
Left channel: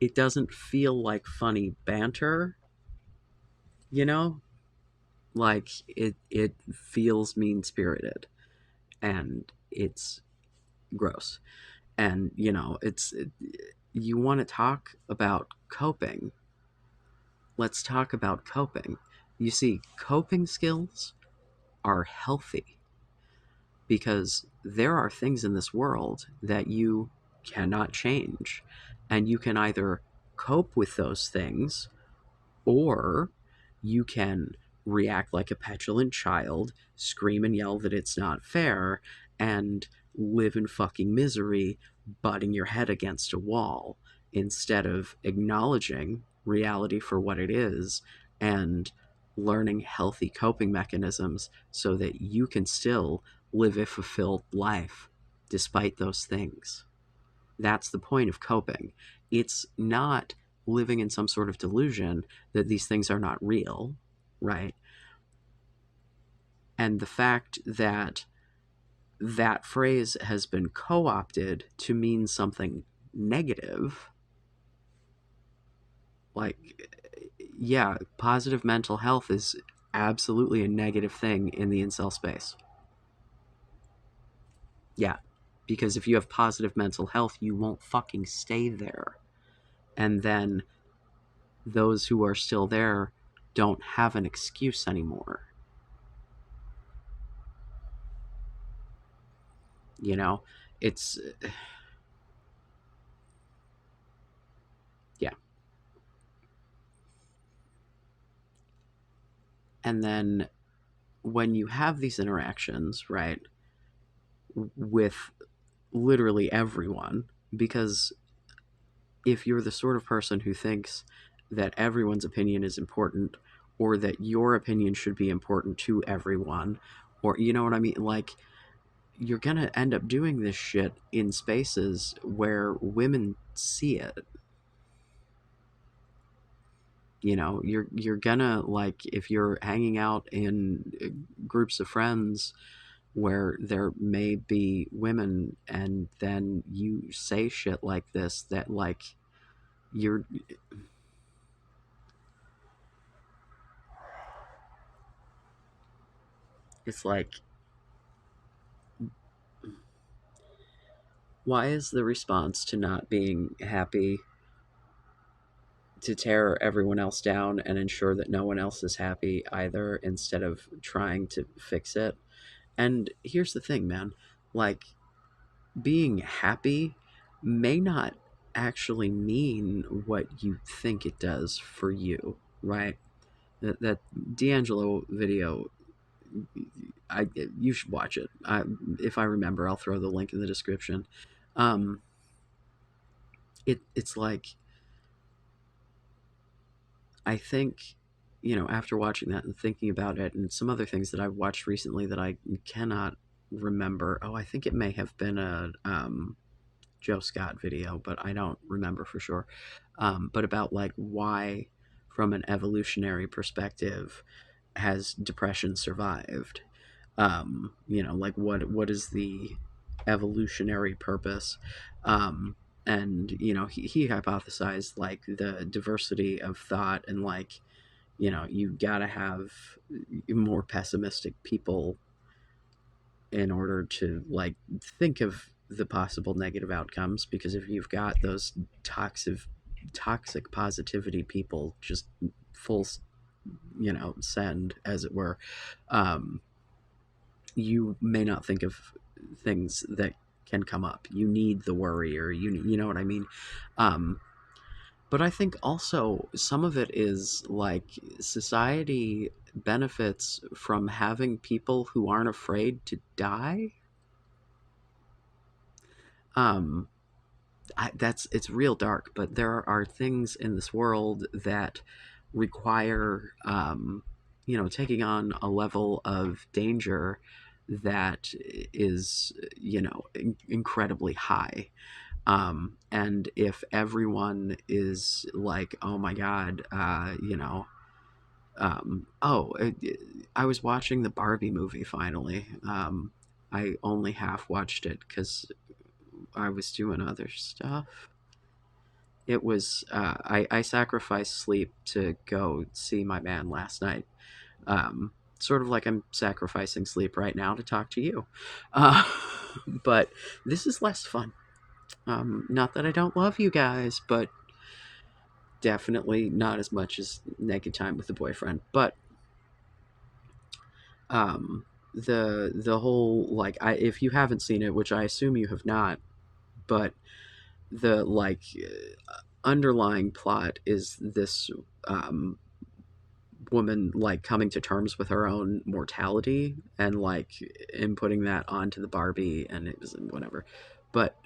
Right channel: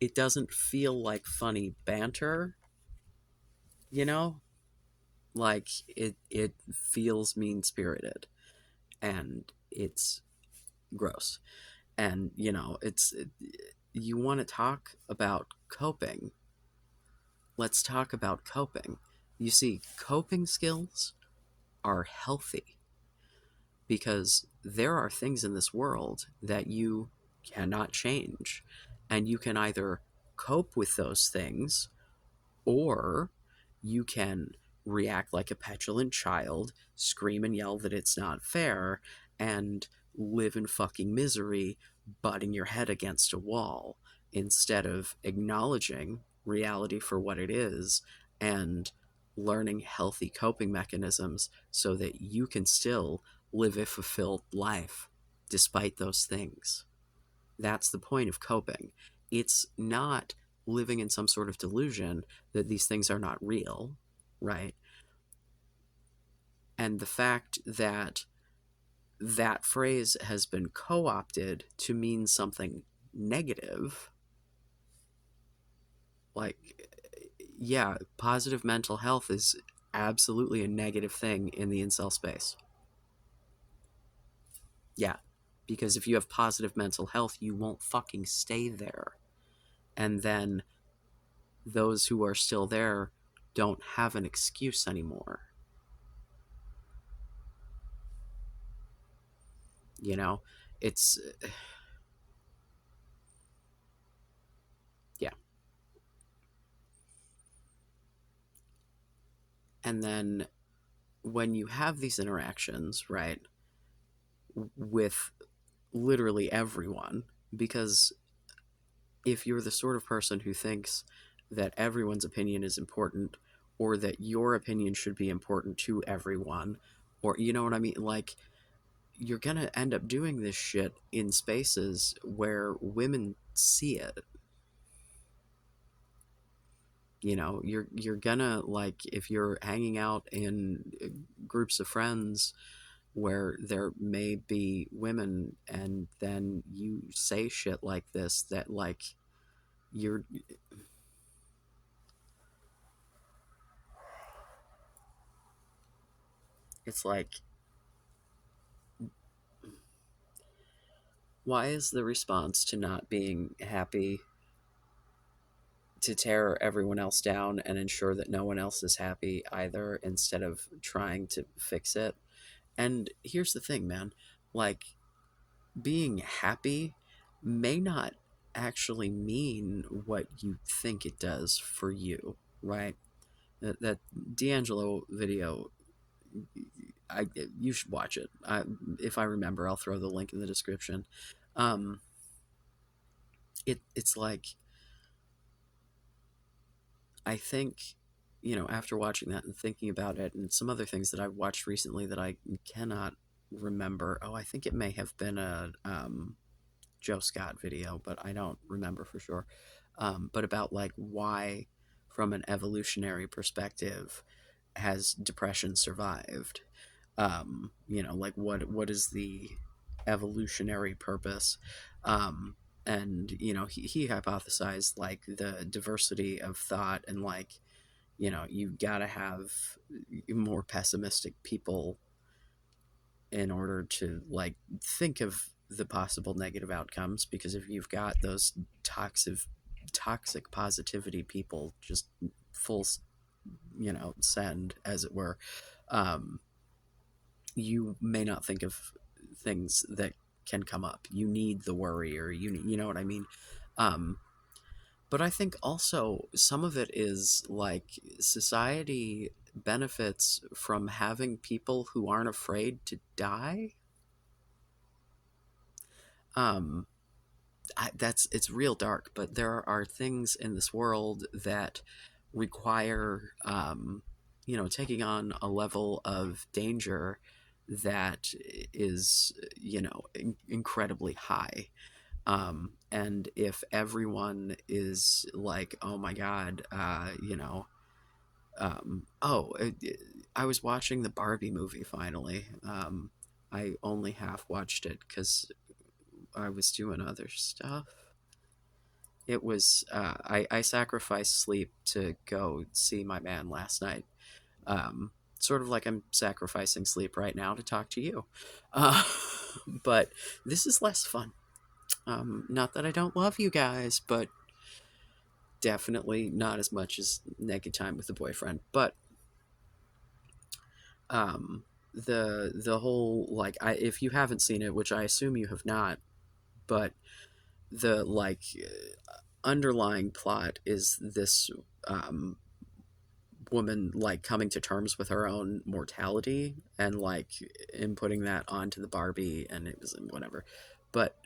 it doesn't feel like funny banter, you know like it feels mean spirited, and it's gross. And you want to talk about coping, let's talk about coping. You see, coping skills are healthy because there are things in this world that you cannot change, and you can either cope with those things, or you can react like a petulant child, scream and yell that it's not fair, and live in fucking misery, butting your head against a wall, instead of acknowledging reality for what it is and learning healthy coping mechanisms so that you can still live a fulfilled life despite those things. That's the point of coping. It's not living in some sort of delusion that these things are not real, right? And the fact that that phrase has been co opted to mean something negative, like, yeah, positive mental health is absolutely a negative thing in the incel space. Yeah, because if you have positive mental health, you won't fucking stay there. And then those who are still there don't have an excuse anymore. You know, it's, yeah. And then when you have these interactions, right, with literally everyone, because if you're the sort of person who thinks that everyone's opinion is important, or that your opinion should be important to everyone, or you know what I mean, like, you're gonna end up doing this shit in spaces where women see it. You know, you're gonna, like, if you're hanging out in groups of friends where there may be women, and then you say shit like this, that, like, you're, it's like, why is the response to not being happy to tear everyone else down and ensure that no one else is happy either, instead of trying to fix it? And here's the thing, man, like, being happy may not actually mean what you think it does for you, right? That D'Angelo video, I you should watch it. If I remember, I'll throw the link in the description. Um, it's like, I think, after watching that and thinking about it, and some other things that I've watched recently that I cannot remember. Oh, I think it may have been a Joe Scott video, but I don't remember for sure. But about, like, why, from an evolutionary perspective, has depression survived? Like, what is the evolutionary purpose? And he hypothesized, like, the diversity of thought, and, like, you gotta have more pessimistic people in order to, like, think of the possible negative outcomes, because if you've got those toxic positivity people just full send, as it were, um, you may not think of things that can come up. You need the worry, or you know what I mean. um, but I think also some of it is, like, society benefits from having people who aren't afraid to die. um, it's real dark, but there are things in this world that require, taking on a level of danger that is, incredibly high. And if everyone is like, oh my god, I was watching the Barbie movie finally. I only half watched it because I was doing other stuff. It was, I sacrificed sleep to go see my man last night. Um, Sort of like I'm sacrificing sleep right now to talk to you. Uh, but this is less fun. Not that I don't love you guys, but definitely not as much as naked time with a boyfriend. But the whole, like, if you haven't seen it, which I assume you have not, but the, like, underlying plot is this, woman, like, coming to terms with her own mortality, and, like, inputting that onto the Barbie, and it was whatever. But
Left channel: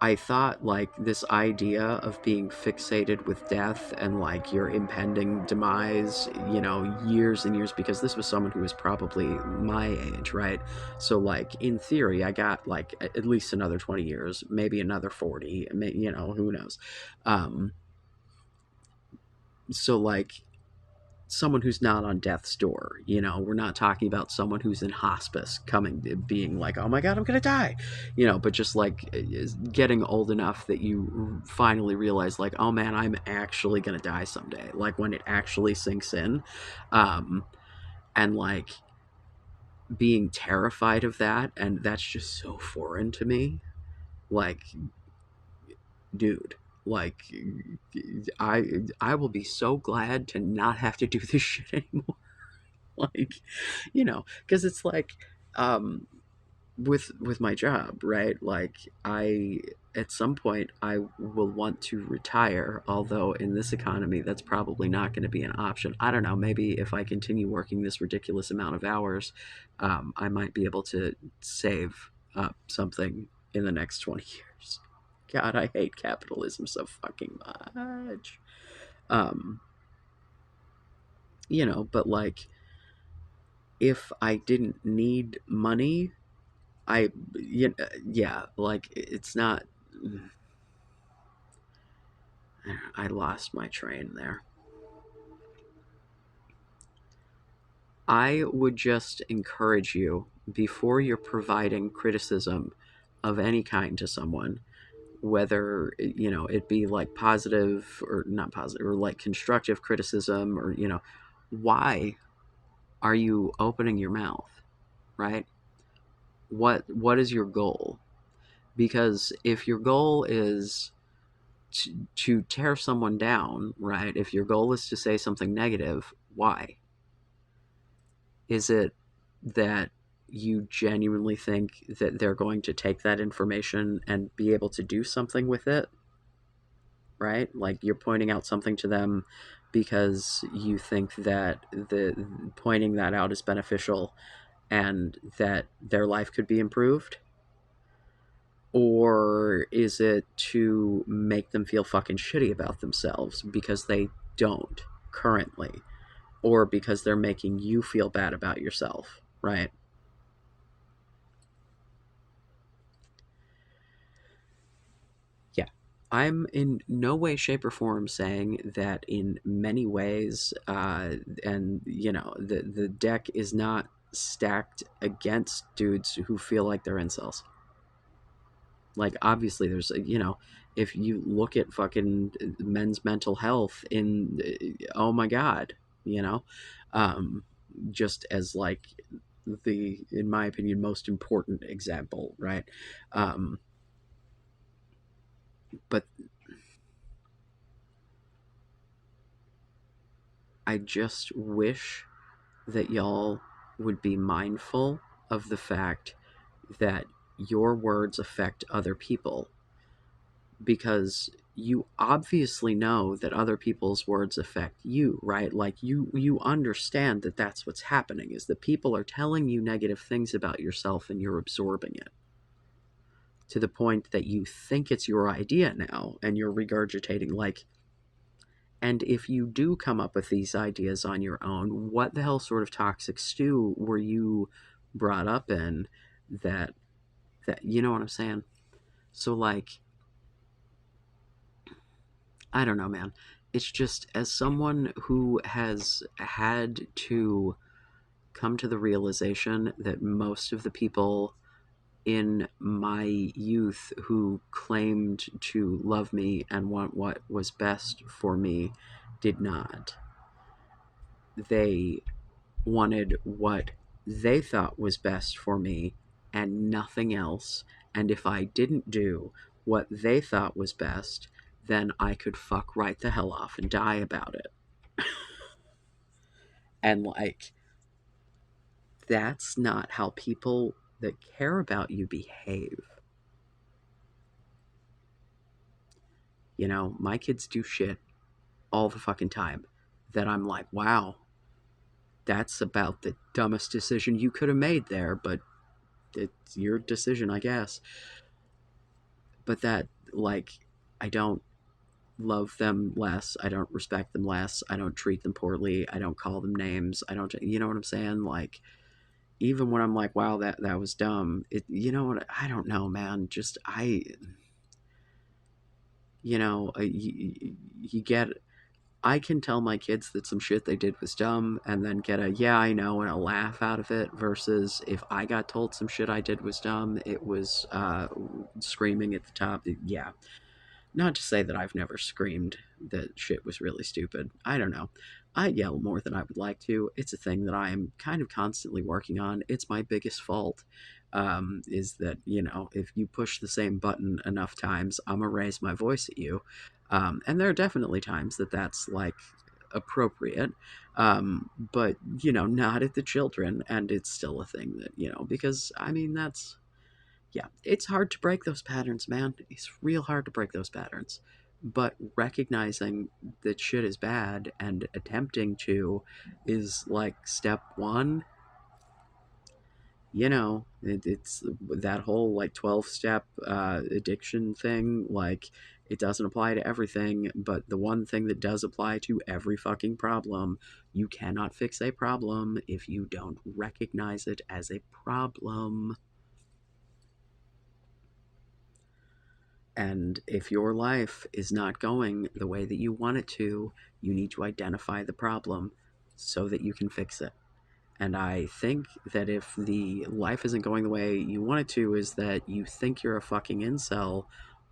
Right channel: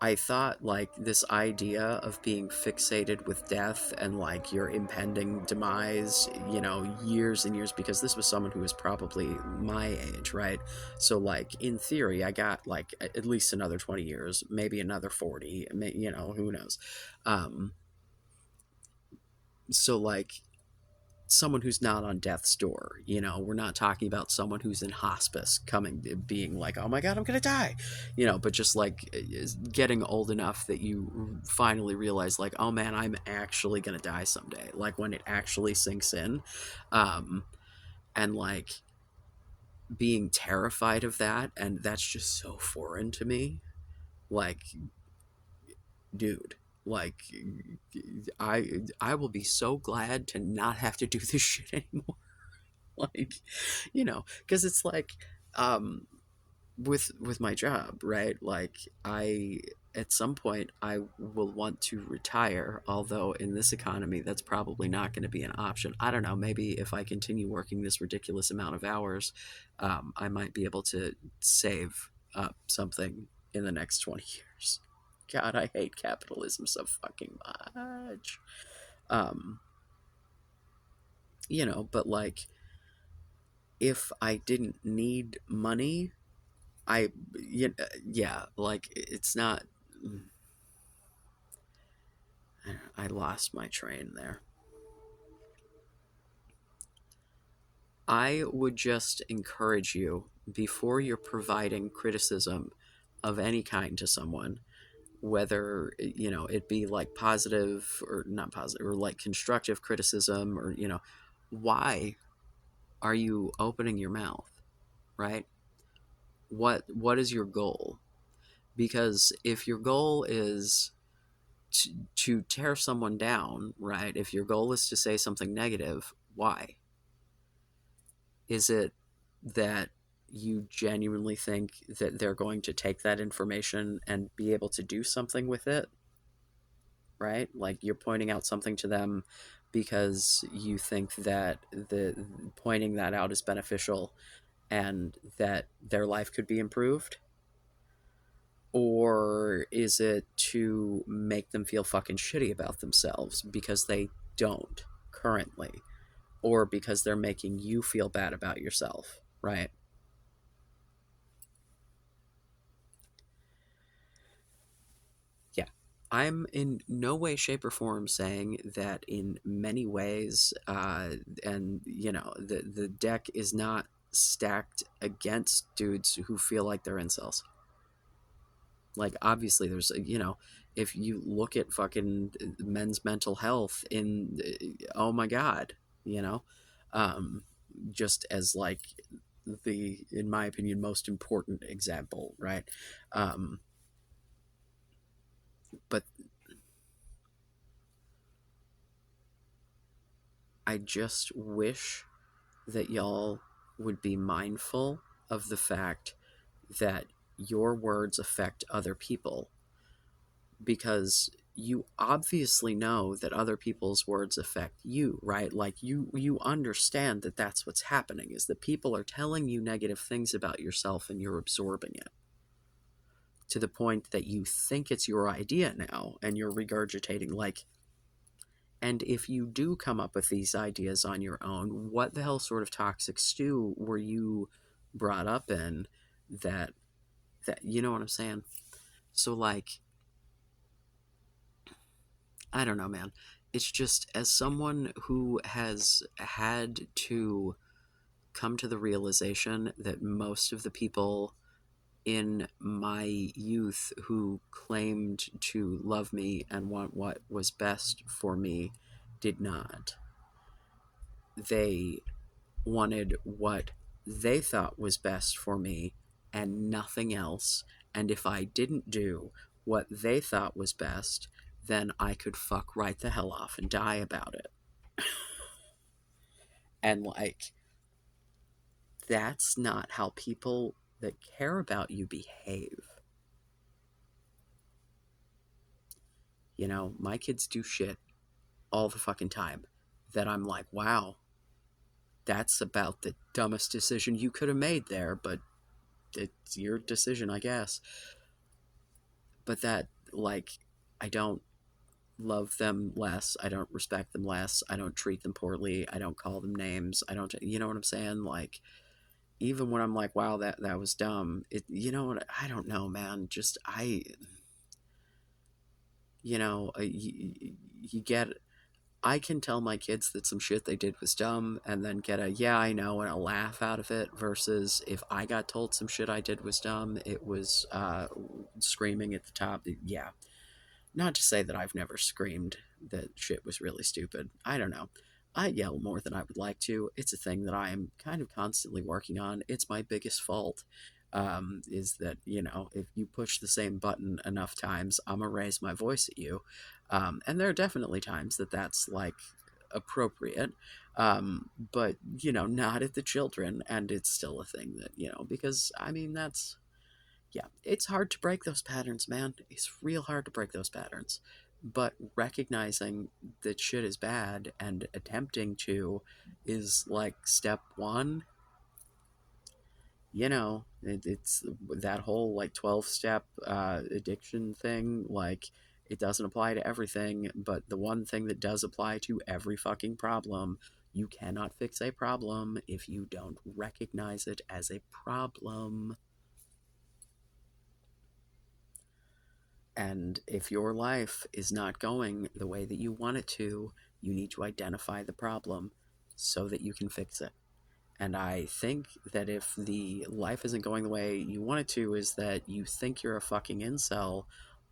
I thought, like, this idea of being fixated with death and, like, your impending demise, years and years, because this was someone who was probably my age, right? So, like, in theory, I got, like, at least another 20 years, maybe another 40, who knows. Um, so, like, someone who's not on death's door, we're not talking about someone who's in hospice coming, being like, oh my god, I'm gonna die, but just, like, getting old enough that you finally realize, like, oh man, I'm actually gonna die someday, like, when it actually sinks in. And, like, being terrified of that, and that's just so foreign to me. Like, dude, like, I will be so glad to not have to do this shit anymore. Like, because it's like, um with my job, right? Like, I at some point I will want to retire, although in this economy that's probably not going to be an option. I don't know, maybe if I continue working this ridiculous amount of hours, I might be able to save up something in the next 20 years. God, I hate capitalism so fucking much. Um, but like, if I didn't need money, I, yeah, like, it's not. I lost my train there. I would just encourage you, before you're providing criticism of any kind to someone, whether it be like positive or not positive, or like constructive criticism, or why are you opening your mouth, right? What is your goal? Because if your goal is to tear someone down, right? If your goal is to say something negative, why? Is it that you genuinely think that they're going to take that information and be able to do something with it, right? Like, you're pointing out something to them because you think that the pointing that out is beneficial and that their life could be improved? Or is it to make them feel fucking shitty about themselves because they don't currently, or because they're making you feel bad about yourself, right? Yeah. I'm in no way, shape, or form saying that in many ways, and the deck is not stacked against dudes who feel like they're incels. Like, obviously, there's, if you look at fucking men's mental health in, oh my God, you know, um, just as like the, in my opinion, most important example, right? Um, but I just wish that y'all would be mindful of the fact that your words affect other people, because you obviously know that other people's words affect you, right? Like, you understand that that's what's happening, is that people are telling you negative things about yourself and you're absorbing it to the point that you think it's your idea now and you're regurgitating, like, and if you do come up with these ideas on your own, what the hell sort of toxic stew were you brought up in, that you know what I'm saying? So, like, I don't know, man. It's just, as someone who has had to come to the realization that most of the people in my youth who claimed to love me and want what was best for me did not. They wanted what they thought was best for me and nothing else. And if I didn't do what they thought was best, then I could fuck right the hell off and die about it. And, like, that's not how people that care about you behave. My kids do shit all the fucking time that I'm like, wow, that's about the dumbest decision you could have made there, but it's your decision, I guess. But that, like, I don't love them less. I don't respect them less. I don't treat them poorly. I don't call them names. I don't, you know what I'm saying? Like, even when I'm like, wow, that was dumb. You know what? I don't know, man. Just, you get, I can tell my kids that some shit they did was dumb and then get a, yeah, I know, and a laugh out of it, versus if I got told some shit I did was dumb, it was screaming at the top. Yeah. Not to say that I've never screamed that shit was really stupid. I don't know. I yell more than I would like to. It's a thing that I am kind of constantly working on. It's my biggest fault. Is that, if you push the same button enough times, I'm going to raise my voice at you. And there are definitely times that that's, like, appropriate. But, not at the children. And it's still a thing that, because, I mean, that's Yeah, it's hard to break those patterns, man. It's real hard to break those patterns. But recognizing that shit is bad and attempting to is like step one. It's that whole like 12-step addiction thing. Like, it doesn't apply to everything, but the one thing that does apply to every fucking problem, you cannot fix a problem if you don't recognize it as a problem. And if your life is not going the way that you want it to, you need to identify the problem so that you can fix it. And I think that if the life isn't going the way you want it to, is that you think you're a fucking incel,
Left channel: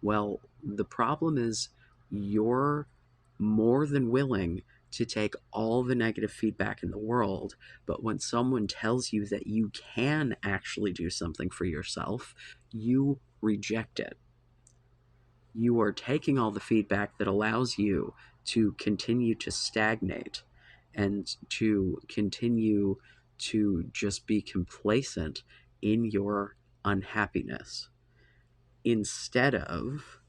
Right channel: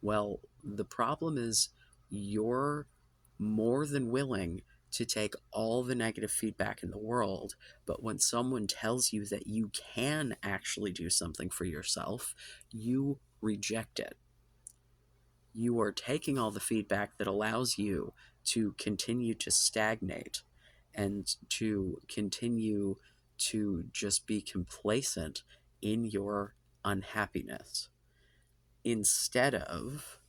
well, the problem is you're more than willing to take all the negative feedback in the world, but when someone tells you that you can actually do something for yourself, you reject it. You are taking all the feedback that allows you to continue to stagnate and to continue to just be complacent in your unhappiness instead of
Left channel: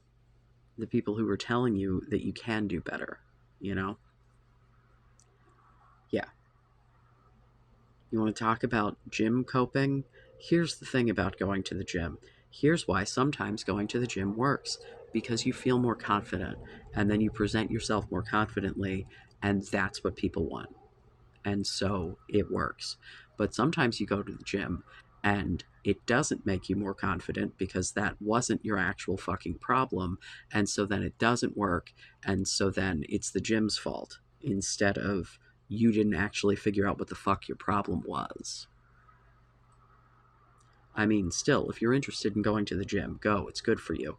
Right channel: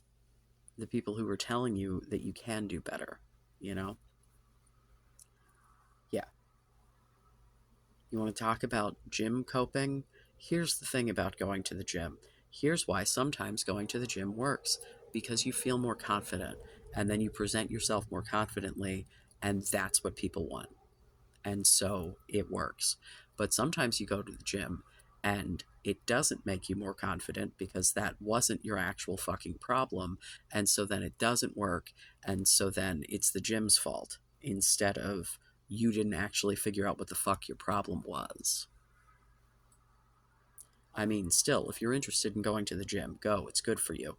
the people who are telling you that you can do better, you know? Yeah. You want to talk about gym coping? Here's the thing about going to the gym. Here's why sometimes going to the gym works, because you feel more confident and then you present yourself more confidently, and that's what people want. And so it works. But sometimes you go to the gym and it doesn't make you more confident because that wasn't your actual fucking problem. And so then it doesn't work. And so then it's the gym's fault instead of you didn't actually figure out what the fuck your problem was. I mean, still, if you're interested in going to the gym, go. It's good for you.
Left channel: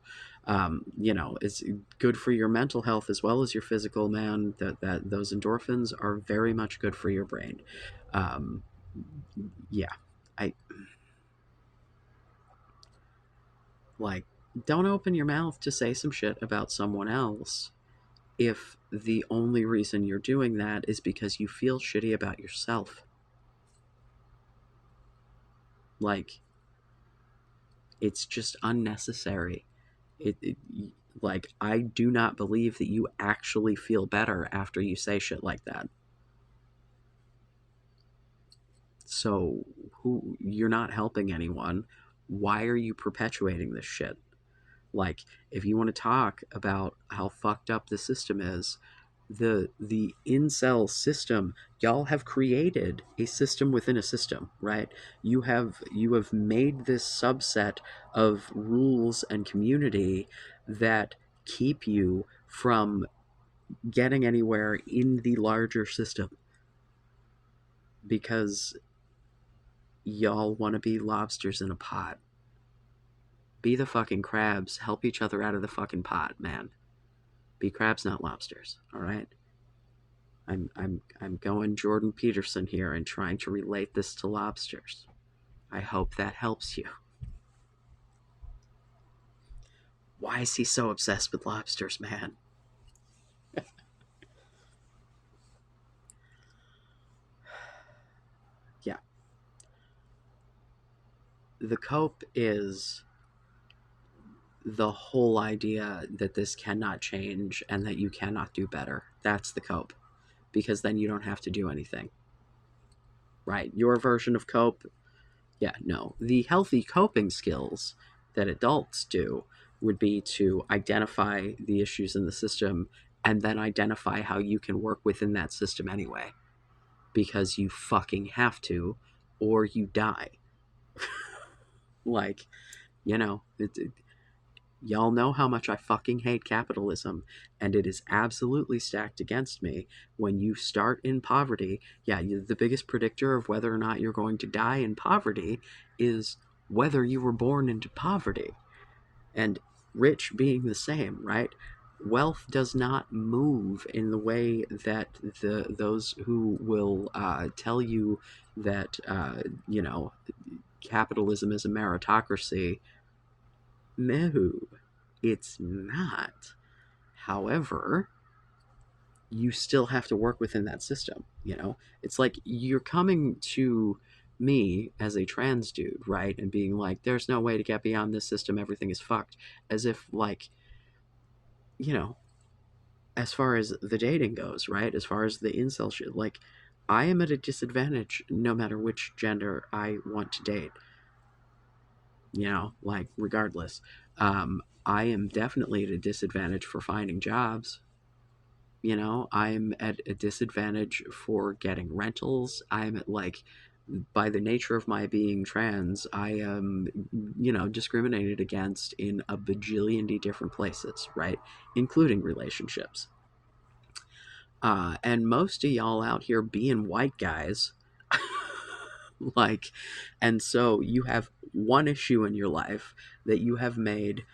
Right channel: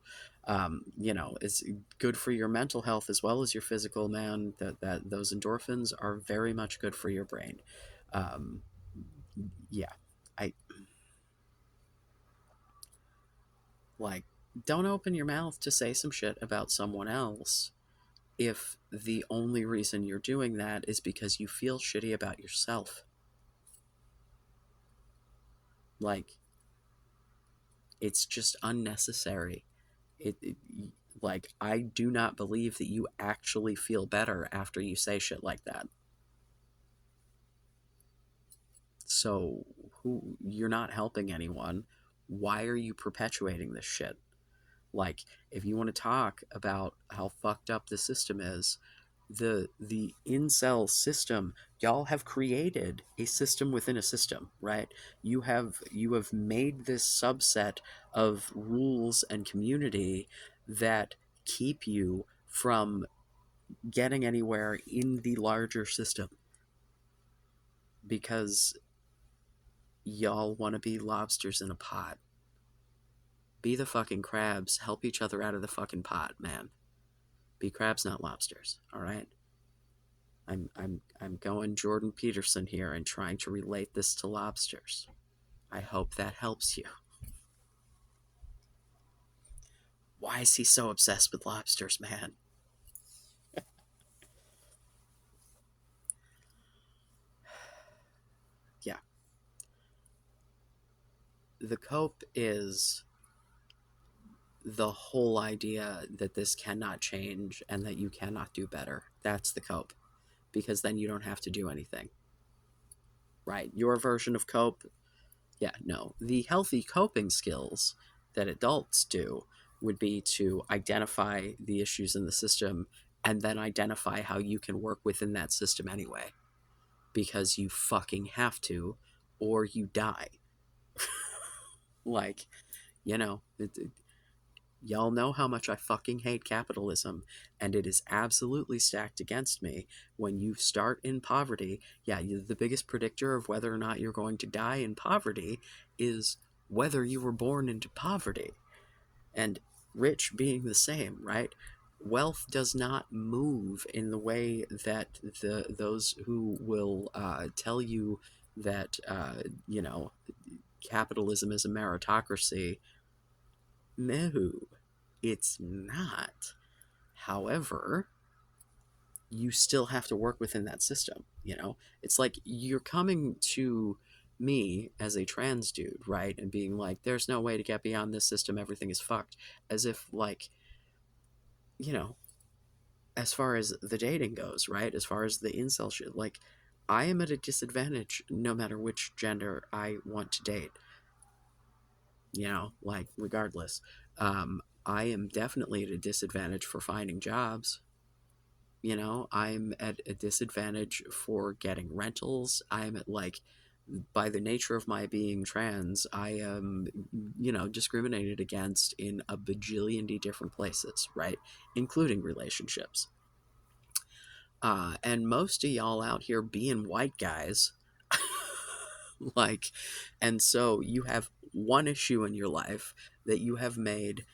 It's good for your mental health as well as your physical, man. That those endorphins are very much good for your brain. Um, yeah, I like don't open your mouth to say some shit about someone else if the only reason you're doing that is because you feel shitty about yourself. Like, it's just unnecessary. It like, I do not believe that you actually feel better after you say shit like that. So, who you're not helping anyone. Why are you perpetuating this shit? Like, if you want to talk about how fucked up the system is, the incel system, y'all have created a system within a system, right? You have made this subset of rules and community that keep you from getting anywhere in the larger system because y'all want to be lobsters in a pot. Be the fucking crabs. Help each other out of the fucking pot, man. Be crabs, not lobsters. All right. I'm going Jordan Peterson here and trying to relate this to lobsters. I hope that helps you. Why is he so obsessed with lobsters, man? Yeah. The cope is the whole idea that this cannot change and that you cannot do better. That's the cope. Because then you don't have to do anything. Right? Your version of cope, yeah, no. The healthy coping skills that adults do would be to identify the issues in the system and then identify how you can work within that system anyway. Because you fucking have to, or you die. Like, y'all know how much I fucking hate capitalism, and it is absolutely stacked against me. When you start in poverty, yeah, the biggest predictor of whether or not you're going to die in poverty is whether you were born into poverty. And rich being the same, right? Wealth does not move in the way that those who will tell you that capitalism is a meritocracy. No, it's not. However, you still have to work within that system. It's like you're coming to me as a trans dude, right? And being like, there's no way to get beyond this system, everything is fucked. As if, like, you know, as far as the dating goes, right? As far as the incel shit, like, I am at a disadvantage no matter which gender I want to date, like, regardless. I am definitely at a disadvantage for finding jobs. I'm at a disadvantage for getting rentals. I'm at, like, by the nature of my being trans, I am, discriminated against in a bajillion different places, right? Including relationships. And most of y'all out here being white guys, like, and so you have one issue in your life that you have made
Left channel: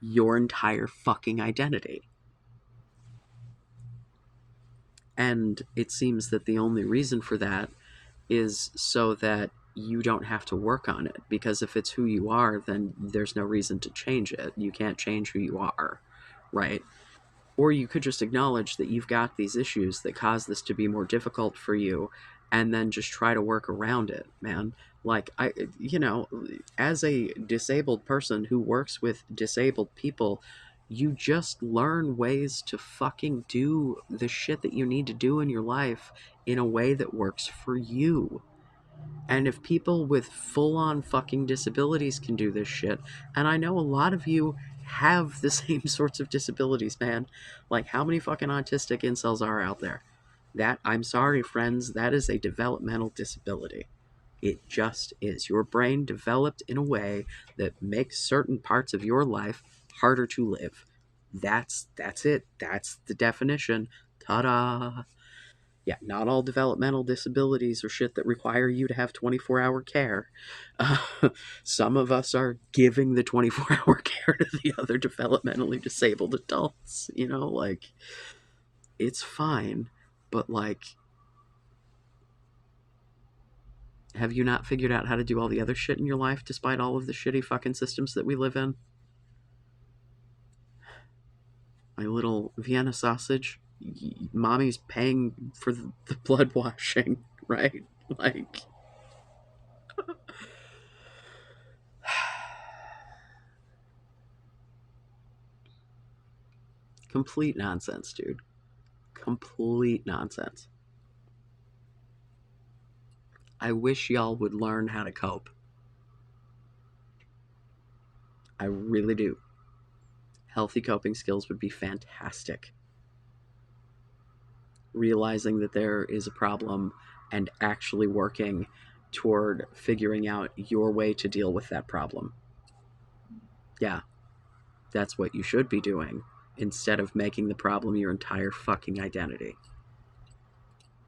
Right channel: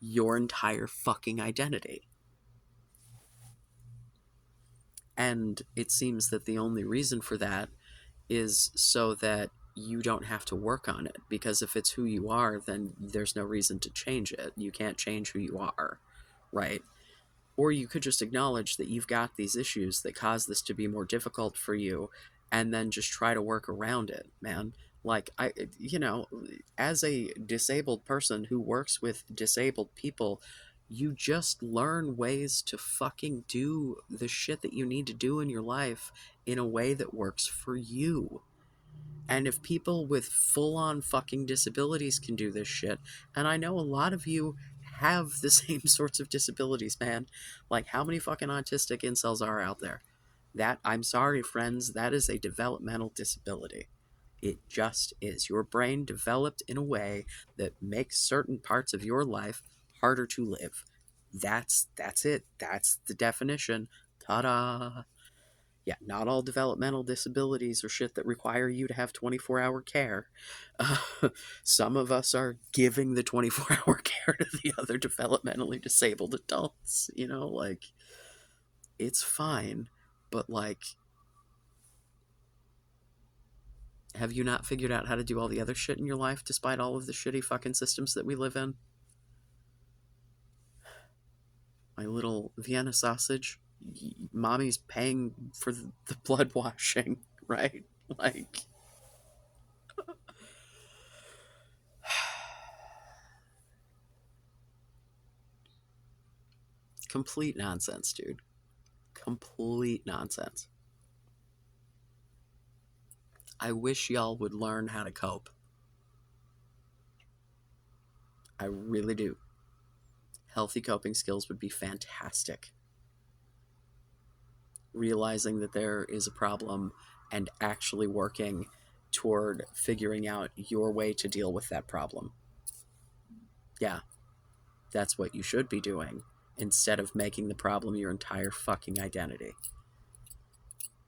your entire fucking identity. And it seems that the only reason for that is so that you don't have to work on it. Because if it's who you are, then there's no reason to change it. You can't change who you are, right? Or you could just acknowledge that you've got these issues that cause this to be more difficult for you, and then just try to work around it, man. Like, as a disabled person who works with disabled people, you just learn ways to fucking do the shit that you need to do in your life in a way that works for you. And if people with full on fucking disabilities can do this shit, and I know a lot of you have the same sorts of disabilities, man. Like, how many fucking autistic incels are out there? That, I'm sorry, friends, that is a developmental disability. It just is. Your brain developed in a way that makes certain parts of your life harder to live. That's it. That's the definition. Ta-da! Yeah, not all developmental disabilities are shit that require you to have 24-hour care. Uh, some of us are giving the 24-hour care to the other developmentally disabled adults. Like, it's fine, but, like, have you not figured out how to do all the other shit in your life despite all of the shitty fucking systems that we live in? My little Vienna sausage, mommy's paying for the blood washing, right? Like, complete nonsense, dude. Complete nonsense. I wish y'all would learn how to cope. I really do. Healthy coping skills would be fantastic. Realizing that there is a problem and actually working toward figuring out your way to deal with that problem. Yeah, that's what you should be doing, instead of making the problem your entire fucking identity.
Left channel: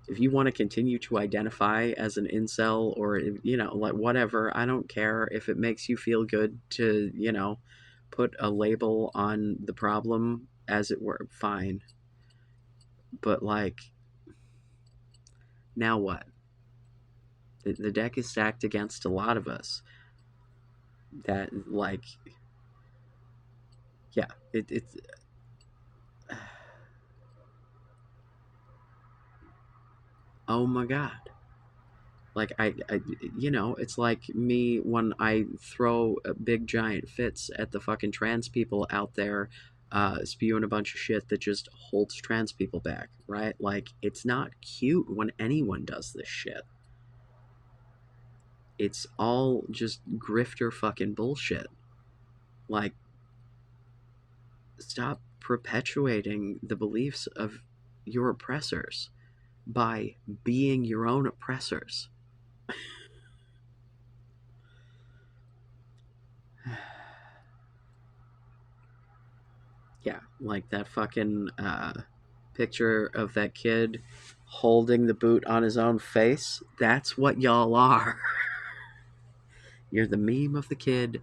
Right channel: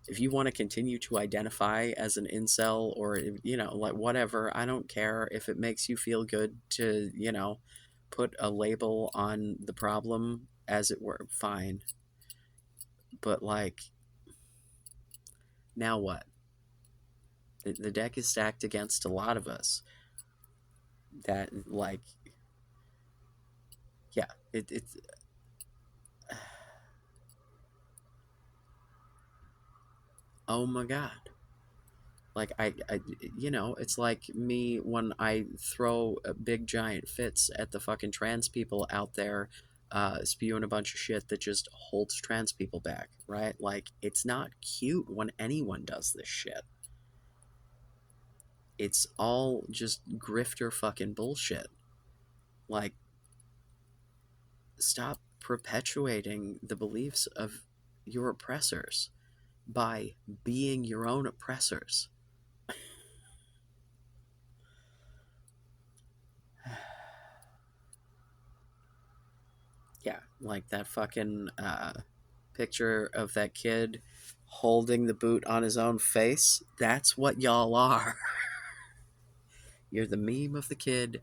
If you want to continue to identify as an incel, or, like, whatever, I don't care. If it makes you feel good to, put a label on the problem, as it were, fine. But, like, now what? The deck is stacked against a lot of us that, like, yeah, it's oh my god. Like, it's like me when I throw big giant fits at the fucking trans people out there, spewing a bunch of shit that just holds trans people back, right? Like, it's not cute when anyone does this shit. It's all just grifter fucking bullshit. Like, stop perpetuating the beliefs of your oppressors by being your own oppressors. Yeah, like that fucking picture of that kid holding the boot on his own face. That's what y'all are. You're the meme of the kid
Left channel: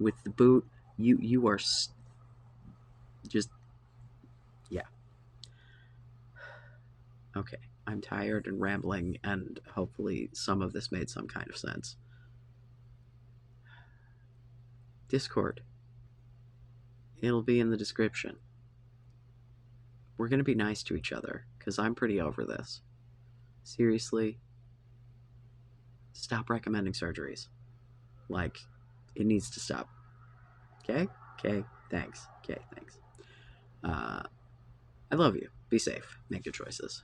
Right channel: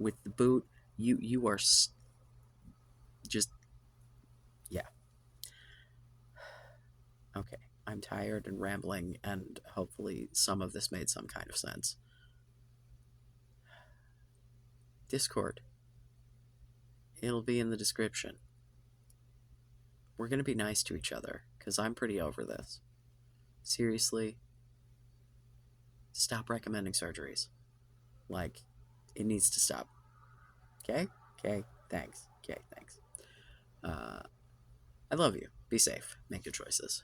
with the boot. You are just, yeah. Okay, I'm tired and rambling, and hopefully some of this made some kind of sense. Discord. It'll be in the description. We're gonna be nice to each other, because I'm pretty over this. Seriously. stop recommending surgeries. Like, it needs to stop. Okay? Okay, thanks. Okay, thanks. I love you. Be safe. Make good choices.